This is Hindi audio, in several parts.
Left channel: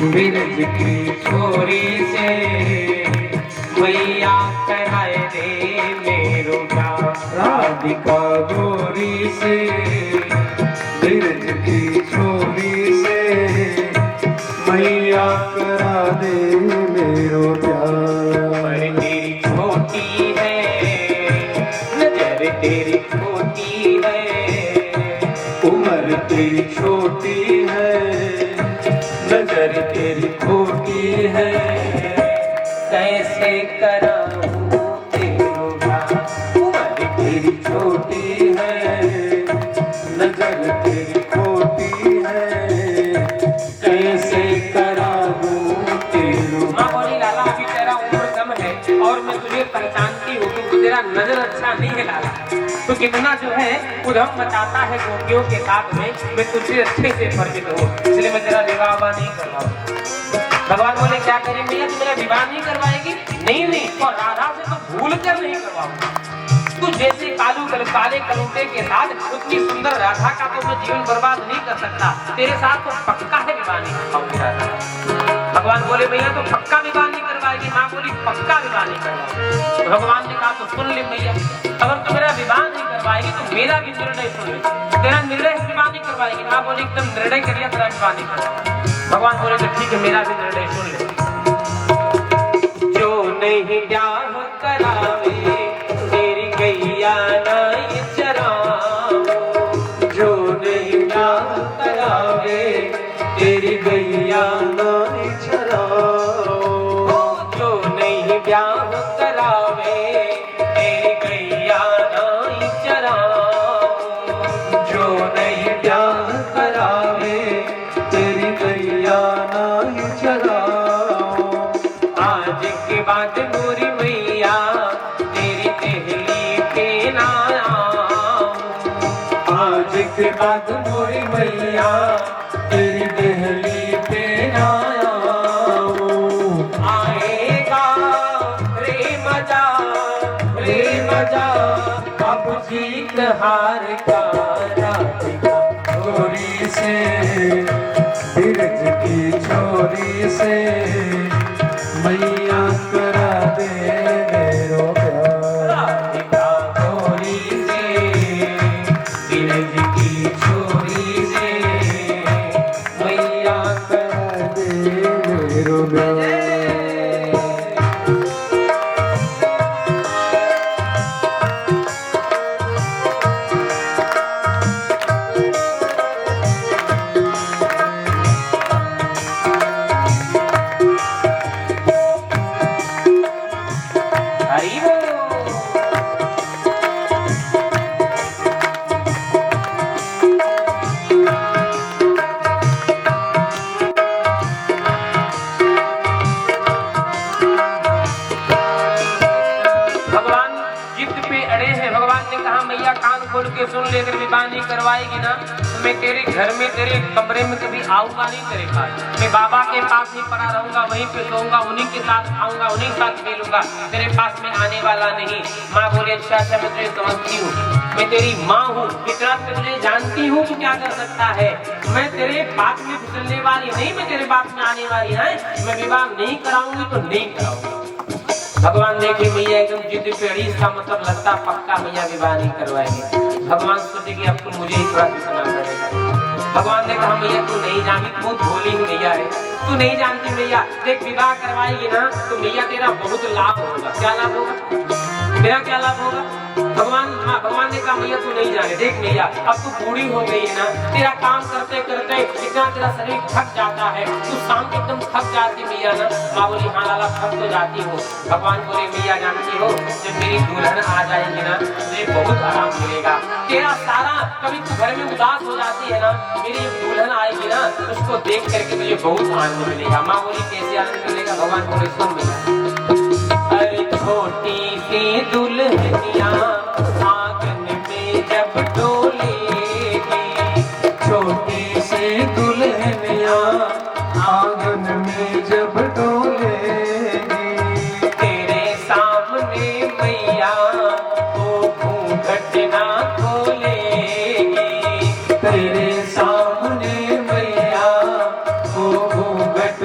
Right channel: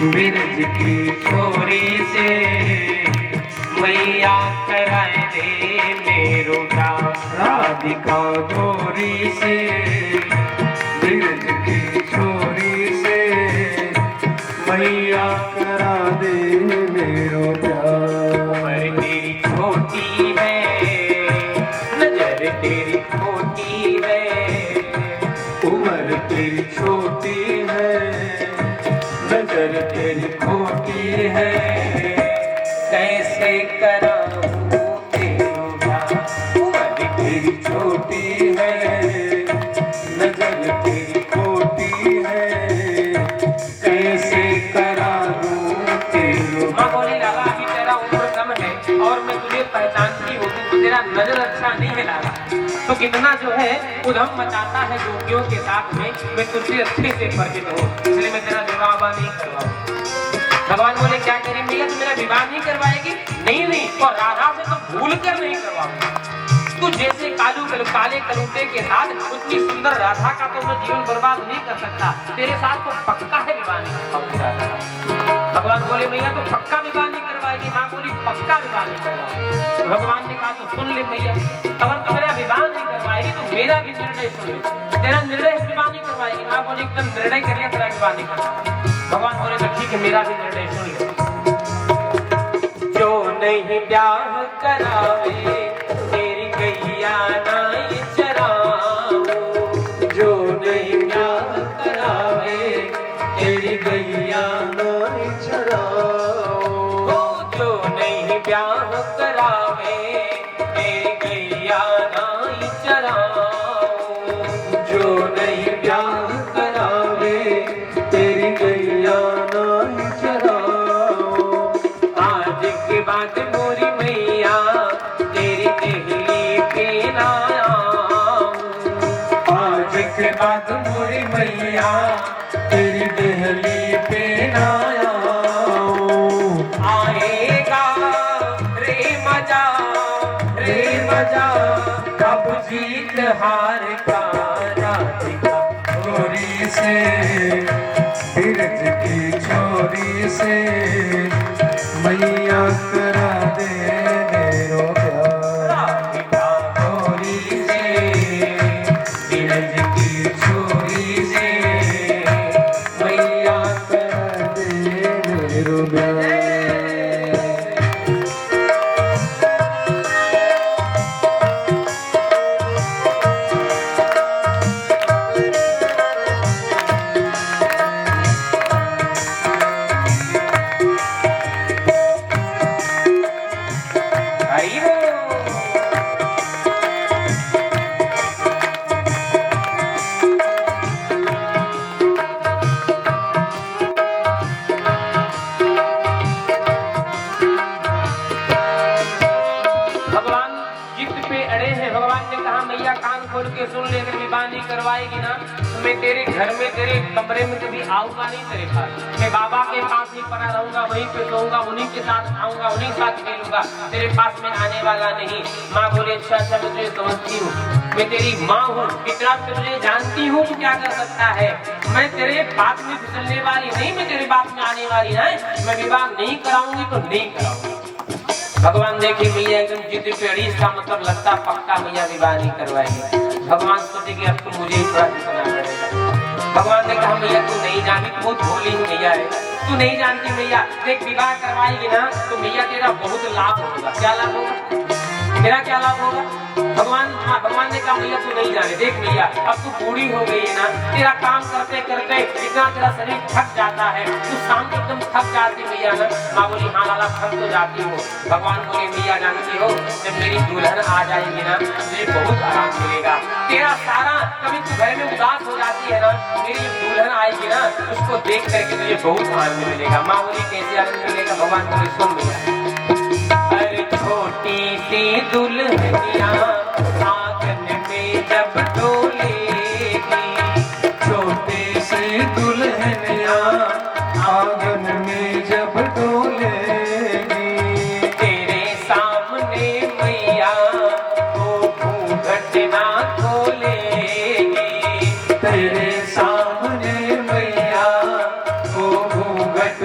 बिरज की छोरी से मैया कराए दे मेरो प्यार, राधिका गोरी से बिरज की छोरी से मैया करा दे मेरो प्यार। उम्र तेरी छोटी है, नजर तेरी छोटी है, उम्र तेरी छोटी है, नजर तेरी खोटी है, कैसे कराऊं तेरो प्यार। उम्र तेरी छोटी है, नजर तेरी खोटी है, कैसे करा दूं तेरो। माँ बोली लाला अभी तेरा उम्र कम है और मैं तुझे पहचानती हूँ, तू तेरा नजर अच्छा नहीं है लाला, तो कितना जो है उधम मचाता है गोपियों के साथ में, मैं तुझसे अच्छे से परिचित हूँ, इसलिए मैं तेरा विवाह नहीं करवाऊँ। भगवान बोले क्या करें मैया, तू मेरा विवाह नहीं करवाएगी? नहीं, और राधा से तो भूल कर नहीं करवाऊंगा। तू जैसे काले कलूटे के साथ उतनी सुंदर राधा का तो मैं जीवन बर्बाद नहीं कर सकता, तेरे साथ तो पक्का है विवाह नहीं करवाऊंगा। भगवान बोले मैया तो पक्का विवाह नहीं करवाएगी? माँ बोली पक्का विवाह नहीं करवाऊंगा। भगवान ने कहा तो सुन ले मैया, अगर तू मेरा विवाह नहीं करवाएगी तो मेरा भी निर्णय सुन ले, तेरा निर्णय विवाह नहीं करवाएगी। माँ बोली एकदम निर्णय करिए तेरा विवाह नहीं करवाएगी। भगवान बोले तो ठीक है मेरा भी निर्णय सुन ले। जो नहीं ब्याह करावे तेरी गैया नहीं चराओ, जो नहीं ब्याह करावे तेरी गैया नहीं चराओ, जो नहीं ब्याह करावे तेरी गैया नहीं चराओ, जो नहीं ब्याह करावे तेरी गैया नहीं चराओ। आज के बाद मोरी मैया तेरी देहली पे ना आऊं, आज के बाद मोरी मैया तेरी देहली पे ना आऊं। आएगा रे मजा अब जीत हार का, राधिका गोरी से बिरज की छोरी से मैया करा दे मेरो प्यार। राधिका गोरी से बिरज की छोरी से मैया करा दे मेरो प्यार। सुन लेकर विवाह नहीं करवाएगी ना तो मैं तेरे घर में तेरे कमरे में कभी आऊंगा नहीं तेरे पास, मैं बाबा के पास ही पड़ा रहूंगा, वहीं पे सोऊंगा, उन्हीं के साथ खाऊंगा, उन्हीं के साथ खेलूंगा, तेरे पास मैं आने वाला नहीं। माँ बोले अच्छा मैं तुझे समझती हूँ, मैं तेरी माँ हूँ, इतना मैं तुझे जानती हूँ तू क्या कर सकता है, मैं तेरे बात में फिसलने वाली नहीं, मैं तेरे बात में आने वाली है, मैं विवाह नहीं कराऊंगी तो नहीं कराऊंगी। भगवान देखिए मैया एकदम जिद पे अड़ी, इसका मतलब लगता पक्का मैया विवाह नहीं करवाएगी। भगवान सोचे कि अब तो मुझे ही थोड़ा सीखना पड़ेगा। भगवान ने कहा मैया तू नहीं जानती, तू बहुत भोली ही मैया है, तू नहीं जानती मैया, देख विवाह करवाएगी ना तो मैया तेरा बहुत लाभ होगा। क्या लाभ होगा? मेरा क्या लाभ होगा? भगवान ने कहा मैया तू नहीं जाने, देख मैया अब तू बूढ़ी हो गई है ना, तेरा काम करते करते इतना तेरा शरीर थक जाता है, तू शाम को एकदम थक जाती मैया ना। माँ बोली हाँ लाला थक तो जाती हो। भगवान बोले मैया जानती हो जब मेरी दुल्हन आ जाएगी ना मुझे बहुत आराम मिलेगा, तेरा सारा कभी तू घर में उदास हो जाती है ना, मेरी दुल्हन आएगी ना उसको देख करके तुझे बहुत आनंद मिलेगा। माँ बोली कैसे आनंद मिलेगा? भगवान बोले सुन मैया, अरे छोटी सी दुल्हनिया आंगन में जब डोलेगी, छोटी सी दुल्हनिया आंगन में जब डोलेगी, तेरे सामने मैया वो घूंघट ना खोलेगी, तेरे सामने मैया वो घूंघट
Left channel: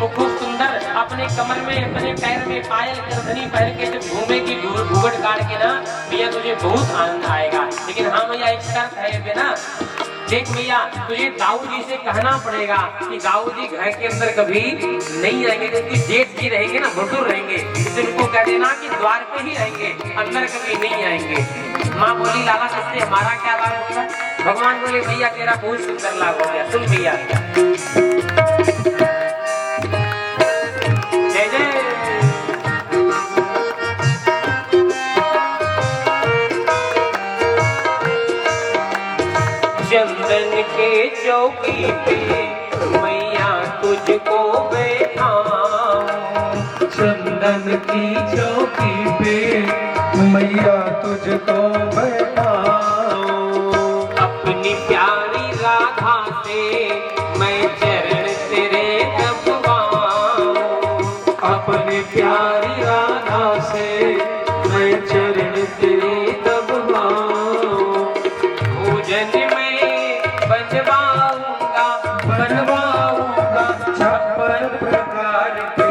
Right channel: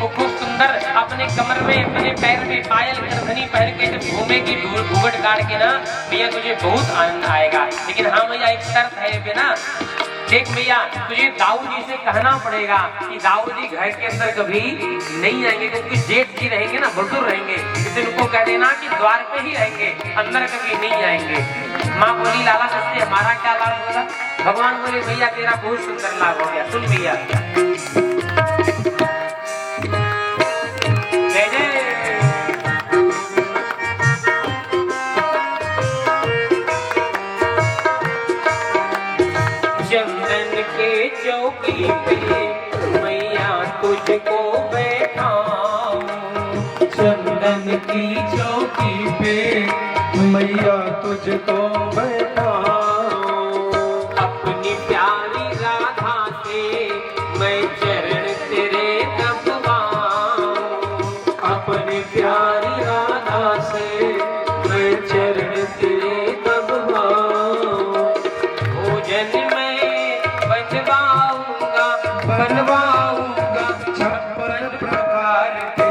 वो खूब सुंदर अपने कमर में अपने पैर में पायल करधनी पहन के जब घूमेगी घूंघट गाड़ के ना भैया तुझे बहुत आनंद आएगा। लेकिन हाँ भैया एक शर्त है बिना देख भैया तुझे दाऊद जी से कहना पड़ेगा कि दाऊद जी घर के अंदर कभी नहीं आएंगे, क्योंकि जेठ जी रहेंगे ना बटूर रहेंगे, इसलिए उनको कह देना कि द्वार पे ही रहेंगे, अंदर कभी नहीं आएंगे। माँ बोली लाला इससे हमारा क्या लाभ होगा? भगवान बोले भैया तेरा बहुत सुंदर लाभ हो गया। सुन भैया जय जय चंदन के चौकी पे मैया तुझको बैठाऊं, चंदन की चौकी पे मैया तुझको बैठाऊं, अपनी प्यारी राधा से मैं चरण तेरे दबवाऊं, अपनी प्यारी राधा से मैं चरण तेरे दबवाऊं, भोजन बनवाऊंगा छप्पन प्रकार के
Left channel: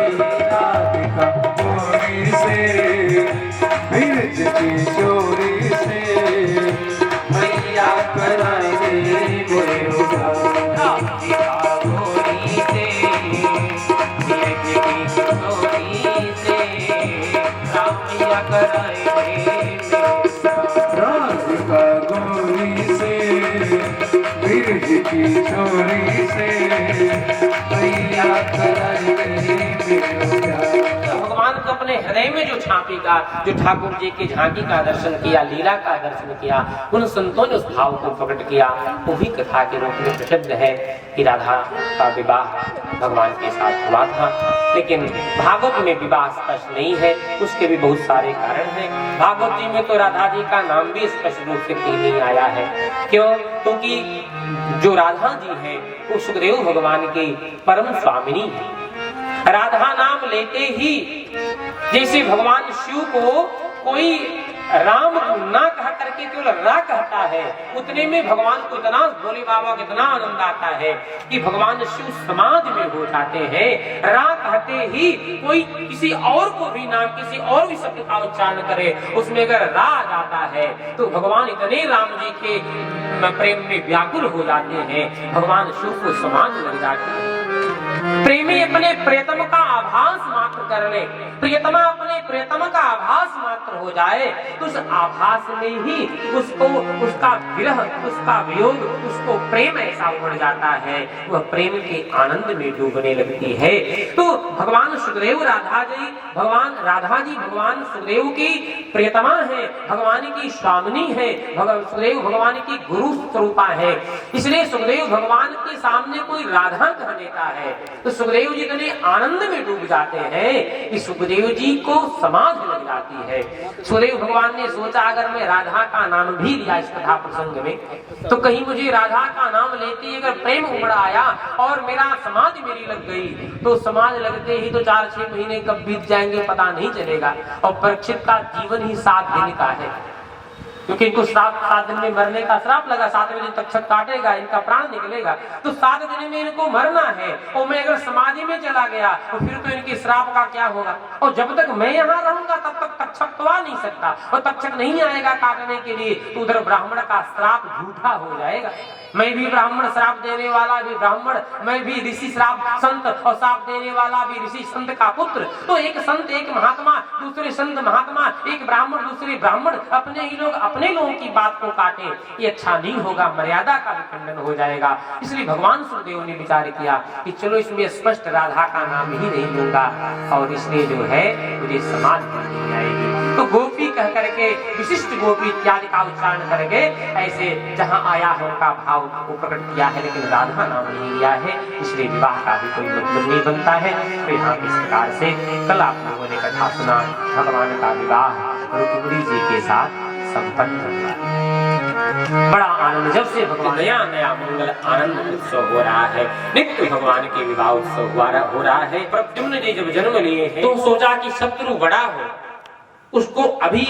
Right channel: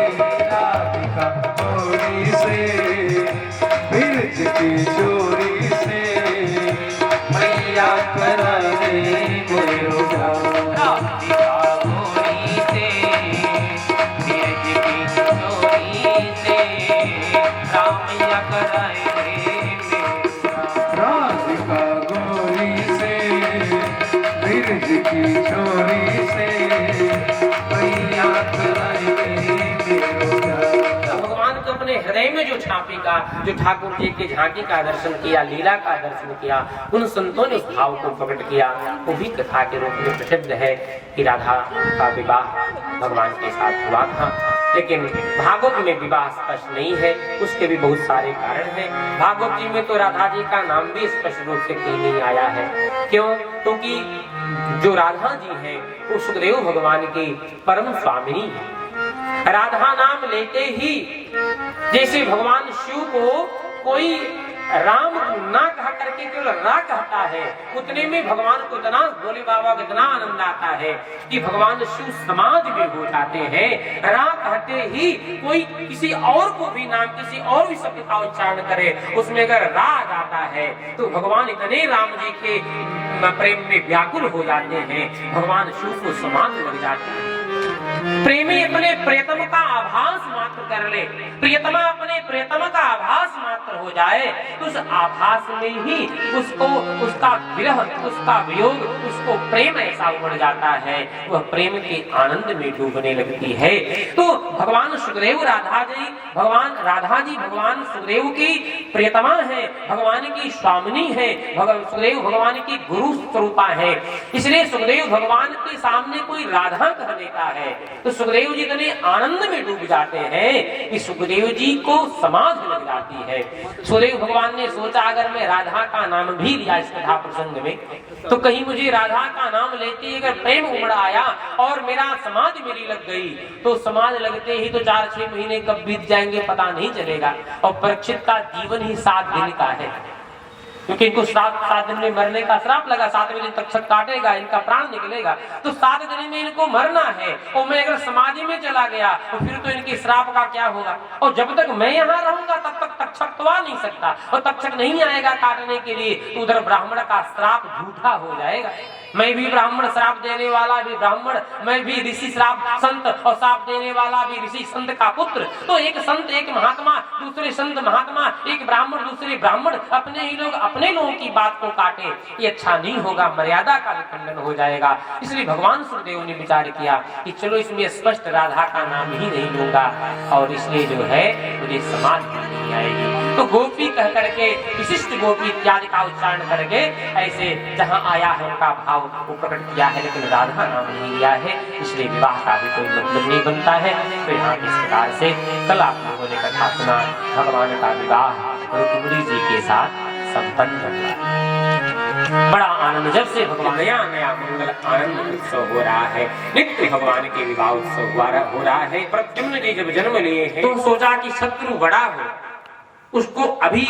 राधिका चोरी से, बिरज की चोरी से मैया कराए मोरे उधार। राधिका गोरी से बिरज की चोरी से रामिया कराए राधिका गोरी से बिरज की चोरी से मैया कराए भगवान को अपने हृदय में जो छापी का, जो ठाकुर जी की झांकी का दर्शन किया, लीला का दर्शन किया, उन संतों ने उस भाव को प्रकट किया। वो भी कथा के रूप में प्रसिद्ध है कि राधा का विवाह भगवान के साथ हुआ था, लेकिन भागवत में विवाह स्पष्ट नहीं है। उसके भी बहुत सारे कारण हैं। भागवत जी में तो राधा जी का नाम भी स्पष्ट रूप से कहीं नहीं आया है। क्यों? क्योंकि जो राधा जी है वो सुखदेव भगवान की परम स्वामिनी है। राधा नाम लेते ही जैसे भगवान शिव को कोई राम ना कह करके केवल रा कहता है, उतने में भगवान को इतना, भोले बाबा को इतना आनंद आता है कि भगवान शिव समाधि में हो जाते हैं। रा कहते ही कोई किसी और को भी नाम, किसी और भी शब्द का उच्चारण करे, उसमें अगर रा आ जाता है तो भगवान इतने राम जी के प्रेम में व्याकुल हो जाते हैं, भगवान शिव को समाधि लग जाते हैं। प्रेमी अपने प्रियतम का आभास मात्र कर ले, प्रियतमा अपने प्रियतम का आभास मात्र हो जाए तो उस आभास में ही उसको, उसका विरह, उसका वियोग, उसको प्रेम ऐसा उमड़ जाता है, वह प्रेम के आनंद में डूबने लगती है। तो भगवान सुखदेव राधा जी, भगवान राधा जी भगवान सुखदेव की प्रियतमा है, भगवान की स्वामिनी है, सुखदेव भगवान की गुरु स्वरूपा है। इसलिए सुखदेव भगवान के सामने कोई राधा कह देता है तो सुखदेव जी इतने आनंद में डूब जाते हैं कि सुखदेव जी को समाधि लग जाती है। सुखदेव भगवान ने सोचा अगर मैं राधा का नाम भी लिया इस कथा प्रसंग में तो कहीं मुझे राधा का नाम लेते अगर प्रेम उमड़ आया और मेरा समाधि मेरी लग गई तो समाधि लगते ही तो 4-6 महीने कब बीत जाएंगे पता नहीं चलेगा। और परीक्षित का जीवन ही 7 दिन का है, क्योंकि इनको 7 दिन में मरने का श्राप लगा, 7वें दिन तक्षक काटेगा, इनका प्राण निकलेगा, तो 7 दिन में इनको मरना है। और मैं अगर समाधि में चला गया तो फिर तो इनके श्राप का क्या होगा? और जब तक मैं यहाँ रहूंगा तब तक तक्षक तो आ नहीं सकता, और तक्षक नहीं आएगा काटने के लिए तो उधर ब्राह्मण का श्राप झूठा हो जाएगा। मैं भी ब्राह्मण, श्राप देने वाला भी ब्राह्मण, मैं भी ऋषि श्राप संत और श्राप देने वाला भी ऋषि संत का पुत्र। तो एक संत एक महात्मा, दूसरे संत महात्मा, एक ब्राह्मण दूसरे ब्राह्मण, अपने ही लोग अपने लोगों की बात को काटे, ये अच्छा नहीं होगा, मर्यादा का भी खंडन हो जाएगा। इसलिए भगवान सुखदेव ने विचार किया कि चलो इसमें स्पष्ट राधा का नाम ही नहीं लूंगा, और इसलिए जो है मुझे समाधि नहीं आएगी। तो गोपी कह करके, विशिष्ट गोपी इत्यादि का उच्चारण करके ऐसे जहाँ आया है उनका भाव को प्रकट किया है, लेकिन राधा नाम नहीं लिया है, इसलिए विवाह का भी कोई मतलब नहीं बनता है। तो यहाँ इस प्रकार से कल आप लोगों ने कथा सुना, भगवान का विवाह रुक्मिणी जी के साथ संपन्न हुआ। बड़ा आनंद, जब से भगवान नया नया मंगल आनंद उत्सव हो रहा है, नित्य भगवान के विवाह उत्सव हो रहा है। प्रद्युम्न जी जब जन्म लिए हैं तो सोचा कि शत्रु बड़ा हो, उसको अभी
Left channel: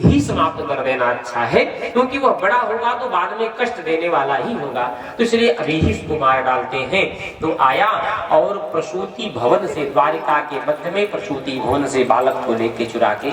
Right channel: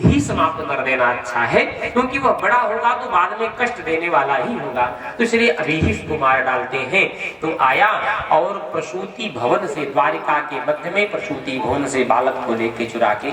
ही समाप्त कर देना अच्छा है, क्योंकि वह बड़ा होगा तो बाद में कष्ट देने वाला ही होगा, तो इसलिए अभी ही उसको मार डालते हैं। तो आया और प्रसूति भवन से, द्वारिका के मध्य में प्रसूति भवन से बालक को लेके चुरा के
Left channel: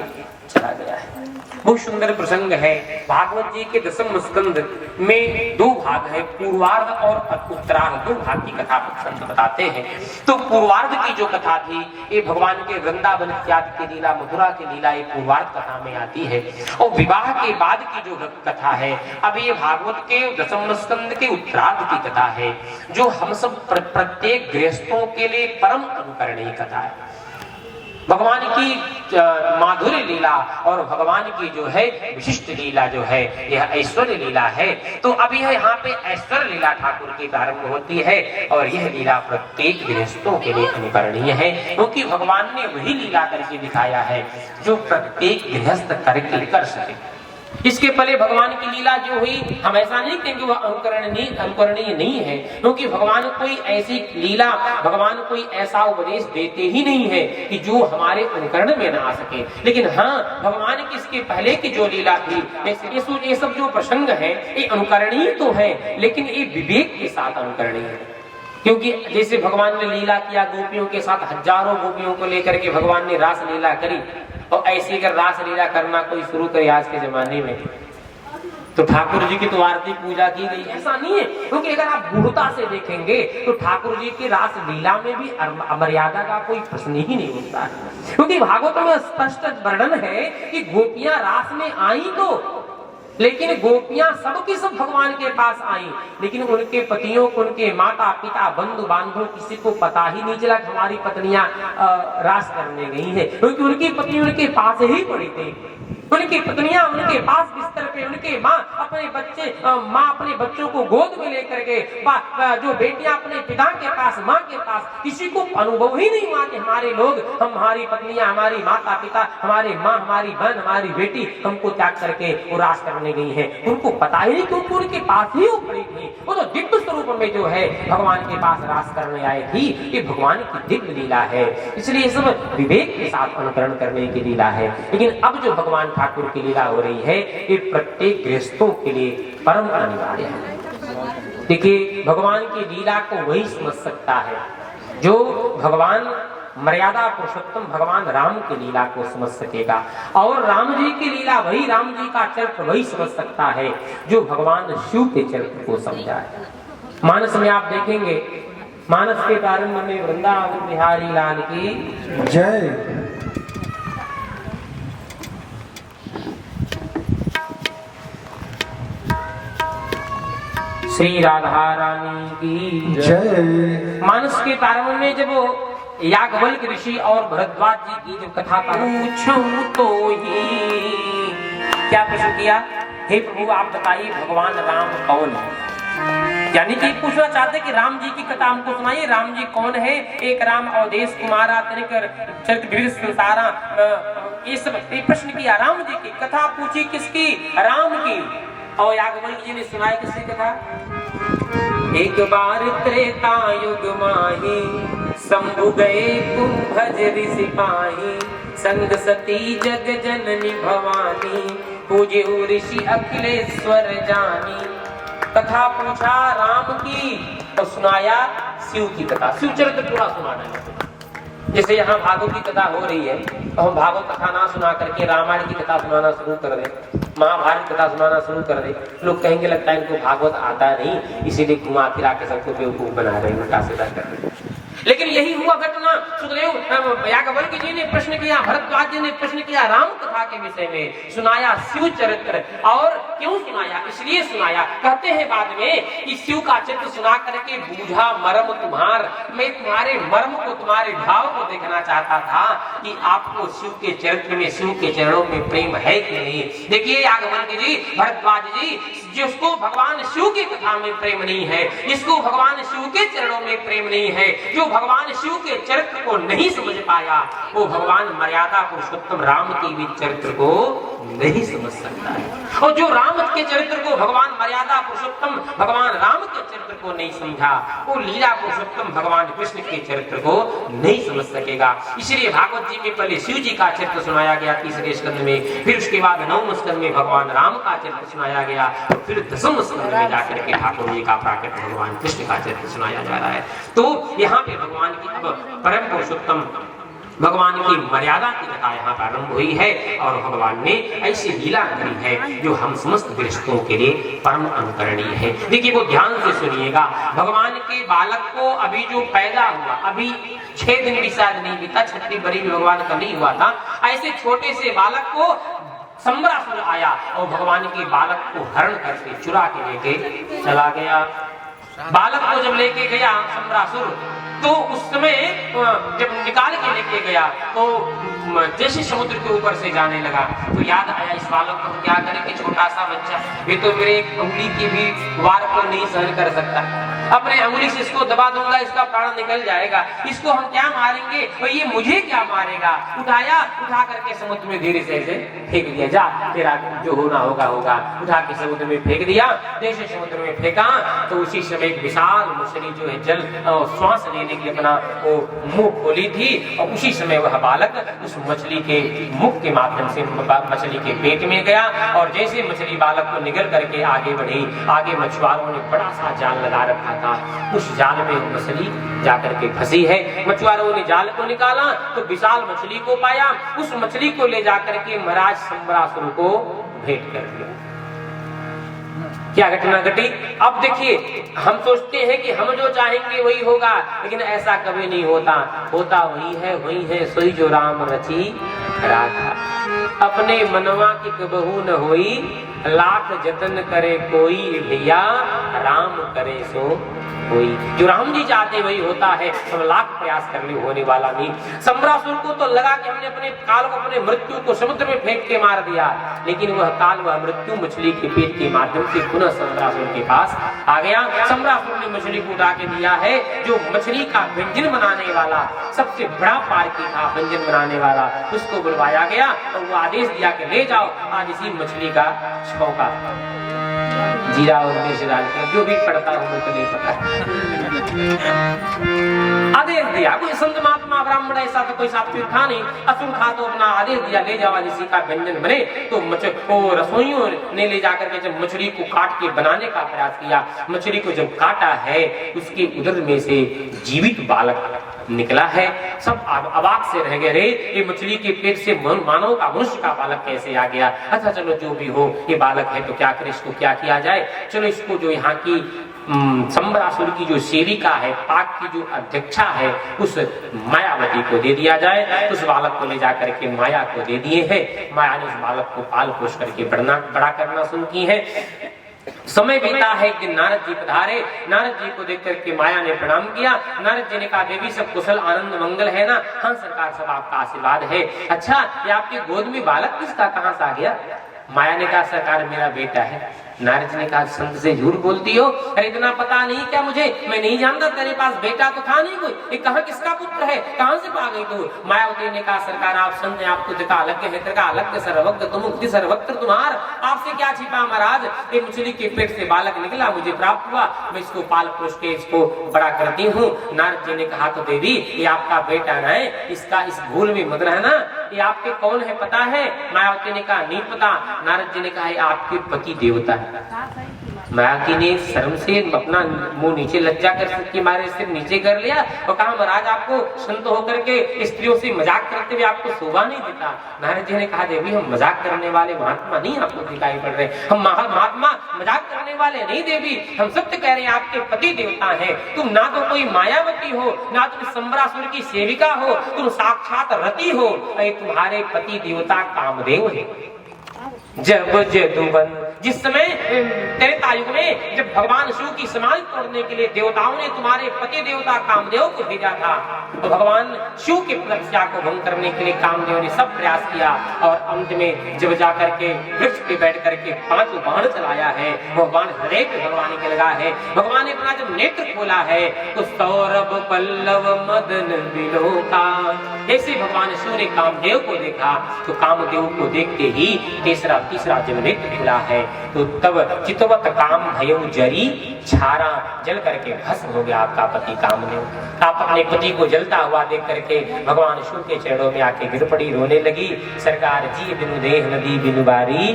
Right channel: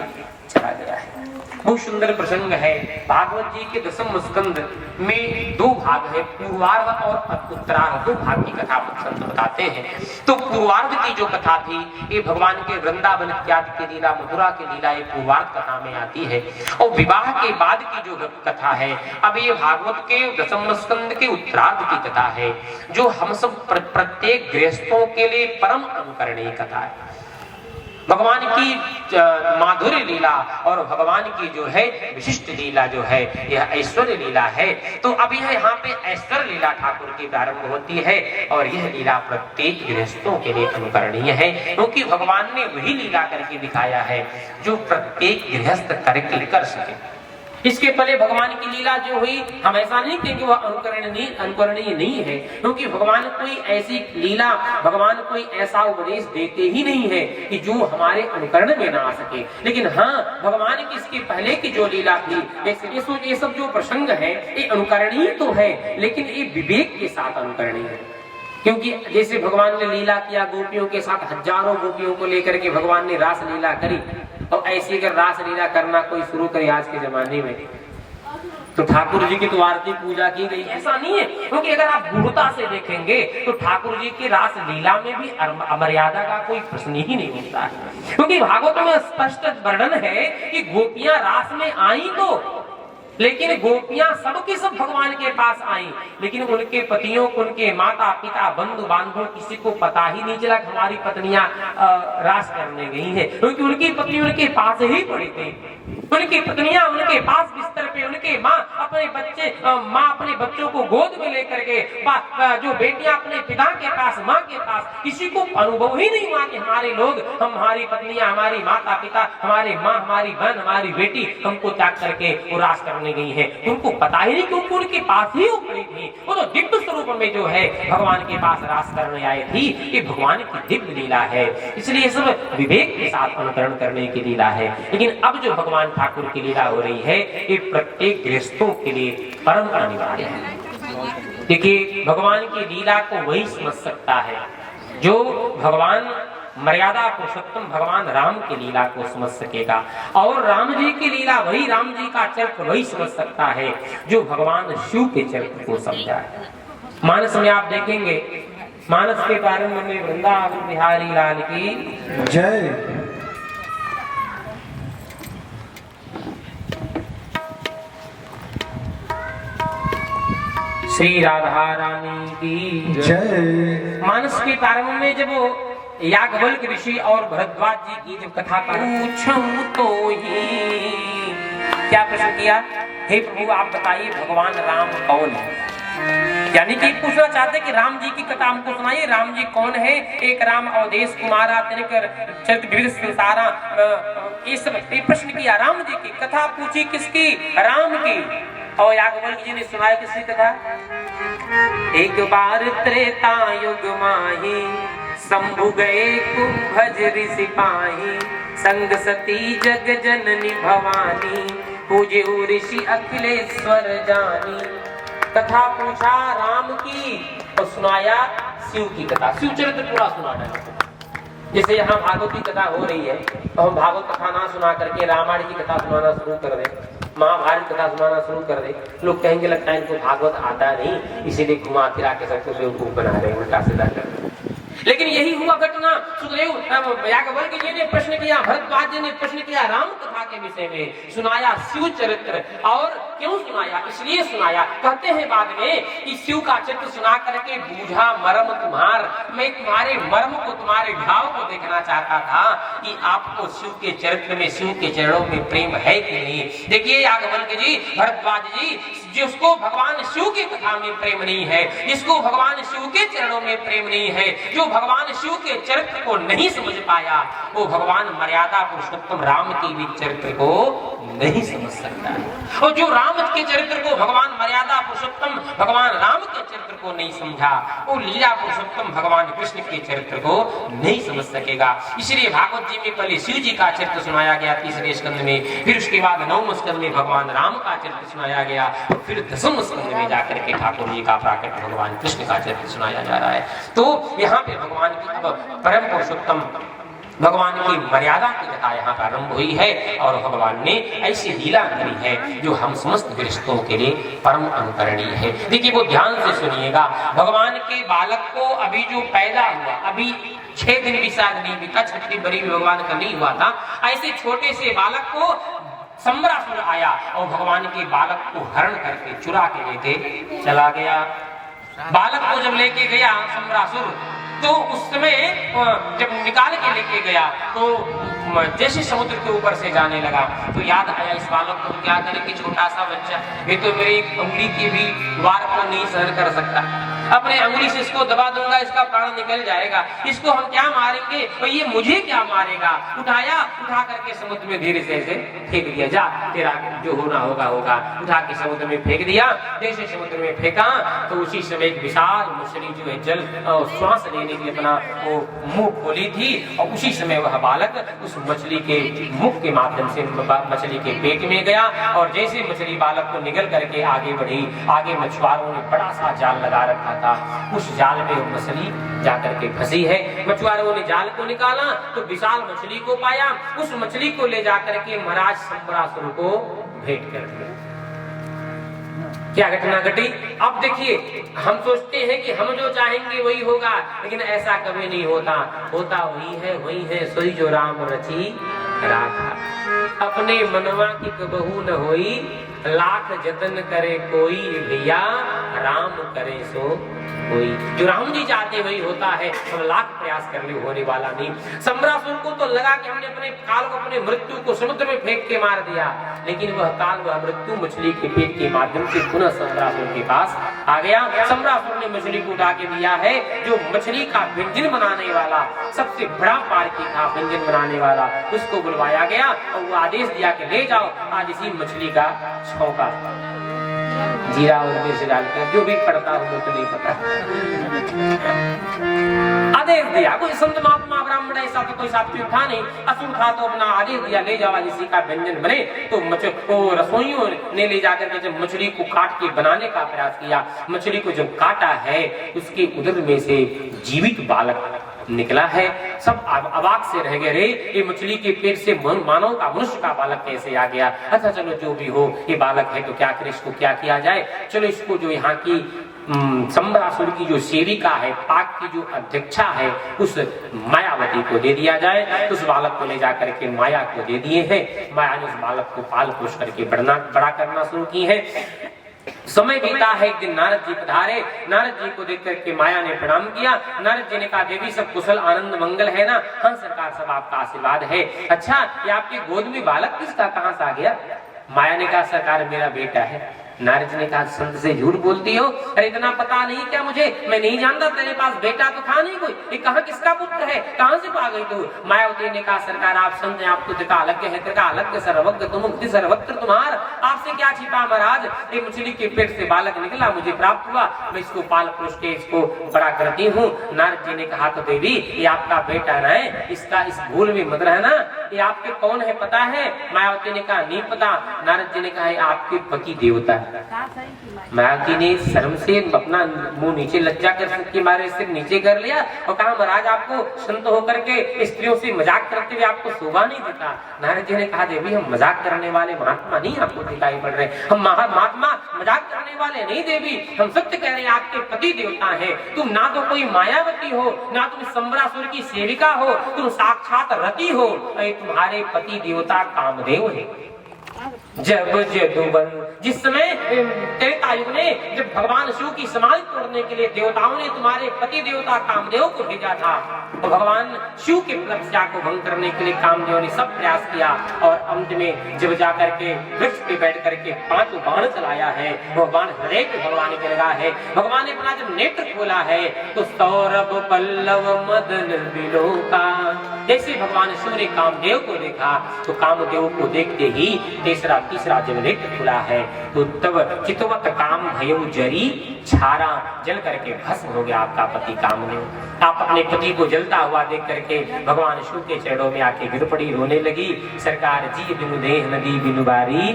चला गया है। बहुत सुंदर प्रसंग है। भागवत जी के दसम स्कंद में दो भाग है, पूर्वार्ध और उत्तरार्ध, दो भाग की कथा प्रसंग बताते हैं। तो पूर्वार्ध की जो कथा थी ये भगवान के वृंदावन इत्यादि की लीला, मथुरा की लीला ये पूर्वार्ध कथा में आती है। और विवाह के बाद की जो कथा है अब ये भागवत के दसम स्कंद के उत्तरार्ध की कथा है, जो हम सब प्रत्येक गृहस्थों के लिए परम अनुकरणीय कथा है। भगवान की माधुर्य लीला और भगवान की जो है विशिष्ट लीला जो है यह ऐश्वर्य लीला है। तो अब यह यहाँ पे ऐश्वर्य लीला ठाकुर की प्रारंभ होती है और यह लीला प्रत्येक गृहस्थों के लिए अनुकरणीय है, क्योंकि भगवान ने वही लीला करके दिखाया है जो प्रत्येक गृहस्थ करके कर सके। इसके पहले भगवान की लीला जो हुई हम ऐसा नहीं कहेंगे वह अनुकरणीय नहीं है, क्योंकि भगवान कोई ऐसी लीला, भगवान कोई ऐसा उपदेश देते ही नहीं है कि जो हमारे अनुकरण में ना आ सके। लेकिन हाँ, भगवान की इसके पहले की जो लीला थी, ये सब जो प्रसंग है ये अनुकरणीय तो है, लेकिन ये विवेक के साथ अनुकरणीय है। क्योंकि जैसे भगवान ने लीला किया गोपियों के साथ, हजारों गोपियों को लेकर के भगवान ने रास लीला करी, और ऐसी कर रास लीला करना कोई शुरू करे आज के जमाने में, तो ठाकुर जी की तो आरती पूजा की गई, ऐसा नहीं है। क्योंकि अगर आप गूढ़ता से देखेंगे तो ठाकुर जी की रास लीला में भी अमर्यादा का कोई प्रश्न ही नहीं होता है, क्योंकि भागवत में स्पष्ट वर्णन है कि गोपियां रास में आई तो, लेकिन गोपियां सबकी सब भगवान के पास आई, लेकिन उनके पतियों को, उनके माता पिता बंधु बांधव किसी को पता ही नहीं चला कि हमारी पत्नियां रास करने गई हैं, क्योंकि उनकी पत्नी उनके पास ही पड़ी थी। उनकी पत्नियां उनके पास बिस्तर पे, उनके माँ अपने बच्चों को गोद में लेकर के, जो बेटियां अपने पिता के पास, माँ के पास, किसी को अनुभव ही नहीं हुआ कि हमारे लोग, हमारी पत्नियां, हमारी माता पिता, हमारे माँ, हमारी बहन, हमारी बेटी हमको त्याग करके वो रास करने गई है। उनको पता ही नहीं, क्योंकि उनके पास ही वो पड़ी थी। वो तो दिव्य स्वरूप में जो है भगवान के पास रास करने आई थी, ये भगवान की दिव्य लीला है। इसलिए सब विवेक के साथ अनुकरण करने की लीला है। लेकिन अब जो भगवान ठाकुर की लीला हो रही है ये प्रत्येक गृहस्थों के लिए परम अनिवार्य है। देखिए, भगवान की लीला को वही समझ सकता है जो भगवान मर्यादा पुरुषोत्तम भगवान राम की लीला को समझ सकेगा, और राम जी की लीला वही, राम जी का चरित्र वही समझ सकता है जो भगवान शिव के चरित्र को समझा है। मानस में आप देखेंगे, मानस के प्रारंभ में वृंदावन बिहारी लाल की जय। श्री राधा रानी की जय। मानस के प्रारंभ में जब याज्ञवल्क ऋषि और भरद्वाज जी की जो कथा पूछूं तो ही क्या प्रश्न किया, हे प्रभु आप बताइए भगवान राम कौन है। यानी कि पूछना चाहते कि राम जी की कथा हमको सुनाइए, राम जी कौन है। एक राम अवधेश कुमारा चरित्र संसारा, ये सब प्रश्न किया। राम जी की कथा पूछी किसकी, राम की। और याज्ञवल्क जी ने सुनाया किसकी कथा, एक बार त्रेता युग माही, शंभु गए कुंभज ऋषि पाही, संग सती जग जननी भवानी, पूजे ऋषि अखिलेश्वर जानी। कथा पूछा राम की और सुनाया शिव की कथा, शिव चरित्र पूरा सुनाना है। जैसे यहाँ भागवत की कथा हो रही है तो हम भागवत कथा ना सुना करके रामायण की कथा सुनाना शुरू कर दें, महाभारत कथा सुनाना शुरू कर दे, लोग कहेंगे लगता है इनको भागवत आता नहीं, इसीलिए घुमा फिरा के सबको बेवकूफ बना रहे हैं, उल्टा सीधा कर रहे हैं। लेकिन यही हुआ घटना। सुखदेव याज्ञवल्क जी ने प्रश्न किया, भरद्वाज जी ने प्रश्न किया राम कथा के विषय में, सुनाया शिव चरित्र। और क्यों सुनाया, इसलिए सुनाया, कहते हैं बाद में कि शिव का चरित्र सुना करके बूझा मर्म तुम्हार, मैं तुम्हारे मर्म को, तुम्हारे भाव को देखना चाहता था कि आपको शिव के चरित्र में, शिव के चरणों में प्रेम है कि नहीं। देखिए याज्ञवल्क जी, भरद्वाज जी, जिसको भगवान शिव की कथा में प्रेम नहीं है, जिसको भगवान शिव के चरणों में प्रेम नहीं है, जो भगवान शिव के चरित्र को नहीं समझ पाया, वो भगवान मर्यादा पुरुषोत्तम राम के भी चरित्र को नहीं समझ सकता है। और जो राम के चरित्र को, भगवान मर्यादा पुरुषोत्तम भगवान राम के चरित्र को नहीं समझा, वो लीला पुरुषोत्तम भगवान कृष्ण के चरित्र को नहीं समझ सकेगा। इसलिए भागवत जी में पहले शिव जी का चरित्र सुनाया गया 3रे स्कंद में, फिर उसके बाद 9वें स्कंद में भगवान राम का चरित्र सुनाया गया, और फिर 10वें स्कंद में जाकर के ठाकुर जी का प्राकृत भगवान कृष्ण का चरित्र सुनाया जा रहा है। तो यहाँ पे भगवान की अब परम पुरुषोत्तम भगवान की मर्यादा की कथा यहाँ पर आरंभ हुई है, और भगवान ने ऐसी लीला करी है जो हम समस्त गृहस्थों के लिए परम अनुकरणीय है। देखिए वो ध्यान से सुनिएगा, भगवान के बालक को अभी जो पैदा हुआ, अभी 6 दिन भी शायद नहीं बीता, 6वीं बरी भी भगवान का नहीं हुआ था, ऐसे छोटे से बालक को सम्रासुर आया और भगवान के बालक को हरण करके चुरा के लेके चला गया। बालक को जब लेके गया सम्रासुर, तो उस समय जब निकाल के लेके गया तो जैसे समुद्र के ऊपर से जाने लगा तो याद आया इस बालक को क्या करें कि छोटा सा बच्चा, ये तो मेरे एक उंगली की भी वार को नहीं सहन कर सकता, अपने उंगली से इसको दबा दूंगा इसका प्राण निकल जाएगा, इसको हम क्या मारेंगे और ये मुझे क्या मारेगा। उठाया, उठा करके समुद्र में धीरे से फेंक दिया, जा तेरा जो होना होगा होगा, उठा के समुद्र में फेंक दिया। जैसे समुद्र में फेंका तो उसी समय एक विशाल मछली जो है जल श्वास लेने के लिए अपना वो मुंह खोली थी, और उसी समय वह बालक उस मछली के मुख के माध्यम से मछली के पेट में गया, और जैसे मछली बालक को निगल करके आगे बढ़ी, आगे मछुआरों ने बड़ा सा जाल लगा रखा था, उस जाल में मछली जाकर के फंसी है। मछुआरों ने जाल को निकाला तो विशाल मछली को पाया, उस मछली को ले जाकर के महाराज सम्रासुर को भेंट कर दिया। क्या घटना घटी? अब देखिए, हम सोचते हैं कि हम जो चाहेंगे वही होगा, लेकिन ऐसा कभी नहीं होता। होता वही है सोई जो राम रची राखा, अपने मनवा की कबहू न होई, लाख जतन करे कोई, भैया राम करे सो कोई। जो राम जी चाहते वही होता है, हम लाख प्रयास कर ले होने वाला नहीं। सम्रासुर को तो लगा कि हमने अपने काल को, अपने मृत्यु को समुद्र में फेंक के मार दिया, लेकिन वह काल, वह मृत्यु मछली के पेट के माध्यम से पुनः सम्रासुर के पास आ गया। सम्रासुर ने मछली को उठा के दिया है, जो मछली का व्यंजन बनाने वाला, सबसे बड़ा पारकी था व्यंजन बनाने वाला, उसको बुलवाया गया और वो आदेश दिया कि ले जाओ आज इसी मछली का छौंका जीरा और मिर्च डाल के, जो भी पड़ता हो तो नहीं पता, आदेश दिया। कोई संत महात्मा ब्राह्मण ऐसा तो कोई सात्विक था नहीं, असुर था, तो अपना आदेश दिया ले जाओ इसी का व्यंजन बने। तो रसोइयों ने ले जाकर के जब मछली को काट के बनाने का प्रयास किया, मछली को जब काटा है उसके उदर में से जीवित बालक निकला है। सब अवाक से रह गए, रे ये मछली के पेट से मानव का, मनुष्य का बालक कैसे आ गया। अच्छा चलो जो भी हो, ये बालक है तो क्या करें, इसको क्या किया जाए, चलो इसको जो यहाँ की सम्रासुर की जो सेविका है, पाक की जो अध्यक्षा है, उस मायावती को दे दिया जाए। उस बालक को ले जाकर के माया को दे दिए हैं। माया ने उस बालक को पाल पोष करके बड़ा करना शुरू की है। समय बीता है कि नारद जी पधारे। नारद जी को देख करके माया ने प्रणाम किया। नारद जी ने कहा देवी सब कुशल आनंद मंगल है ना? हाँ सरकार, सब आपका आशीर्वाद है। अच्छा ये आपके गोद में बालक किसका, कहाँ से आ गया? माया ने कहा सरकार मेरा बेटा है। नारद जी ने कहा संत से झूठ बोलती हो, अरे इतना पता नहीं क्या मुझे, मैं नहीं जानता, तेरे पास बेटा तो था नहीं कोई, ये कहाँ किसका पुत्र है, कहाँ से पा गई तू? मायावती ने कहा सरकार आप संत हैं, आपको तेरा अलग है, तेरा अलग सर्वज्ञ तुम मुक्ति सर्वत्र तुम्हार, आपसे क्या छिपा महाराज। ये मछली के पेट से बालक निकला, मुझे प्राप्त हुआ, मैं इसको पाल पोष के इसको बड़ा करती हूँ। नारद जी ने कहा तो देवी ये आपका बेटा है, इसका इस भूल में मत रहना, ये आपके कौन है पता है? मायावती ने कहा नहीं पता। नारद जी ने कहा आपके पति देवता है। मायावती ने शर्म से अपना मुंह नीचे लज्जा कर मारे सिर नीचे कर लिया और कहा महाराज आपको संत होकर के स्त्रियों से मजाक करते हुए आपको शोभा नहीं देता। नारद जी ने कहा देवी हम मजाक करने वाले महात्मा नहीं आपको दिखाई पड़ रहे, हम महात्मा मजाक करने वाले नहीं देवी, हम सत्य कह रहे हैं आपके पति देवता है। तुम ना तो कोई मायावती हो, ना तुम सम्रासुर की सेविका हो, तुम साक्षात रति हो, तुम्हारे पति देवता कामदेव है। जब जदुवन, जिस समय त्रेता युग में जब भगवान शिव की समाधि तोड़ने के लिए देवताओं ने तुम्हारे पति देवता कामदेव को भेजा था, तो भगवान शिव की तपस्या को भंग करने के लिए कामदेव ने सब प्रयास किया और अंत में जब जाकर के वृक्ष पे बैठ करके 5 बाण चलाया है, वो बाण हृदय पे भगवान के लगा है। भगवान ने अपना जब नेत्र खोला है तो सौरभ पल्लव मदन बिलोका, जैसे भगवान शिव ने कामदेव को देखा तो कामदेव को देखते ही तीसरा जब नेत्र खुला है तो तब चितवत काम भयो जरी छारा, जल करके भस्म हो गया आपका पति कामदेव। आप अपने पति को जलता हुआ देख करके भगवान शिव के चरणों में आके गिर पड़ी, रोने लगी। सरकार जी बिनु देह नदी बिनु बारी,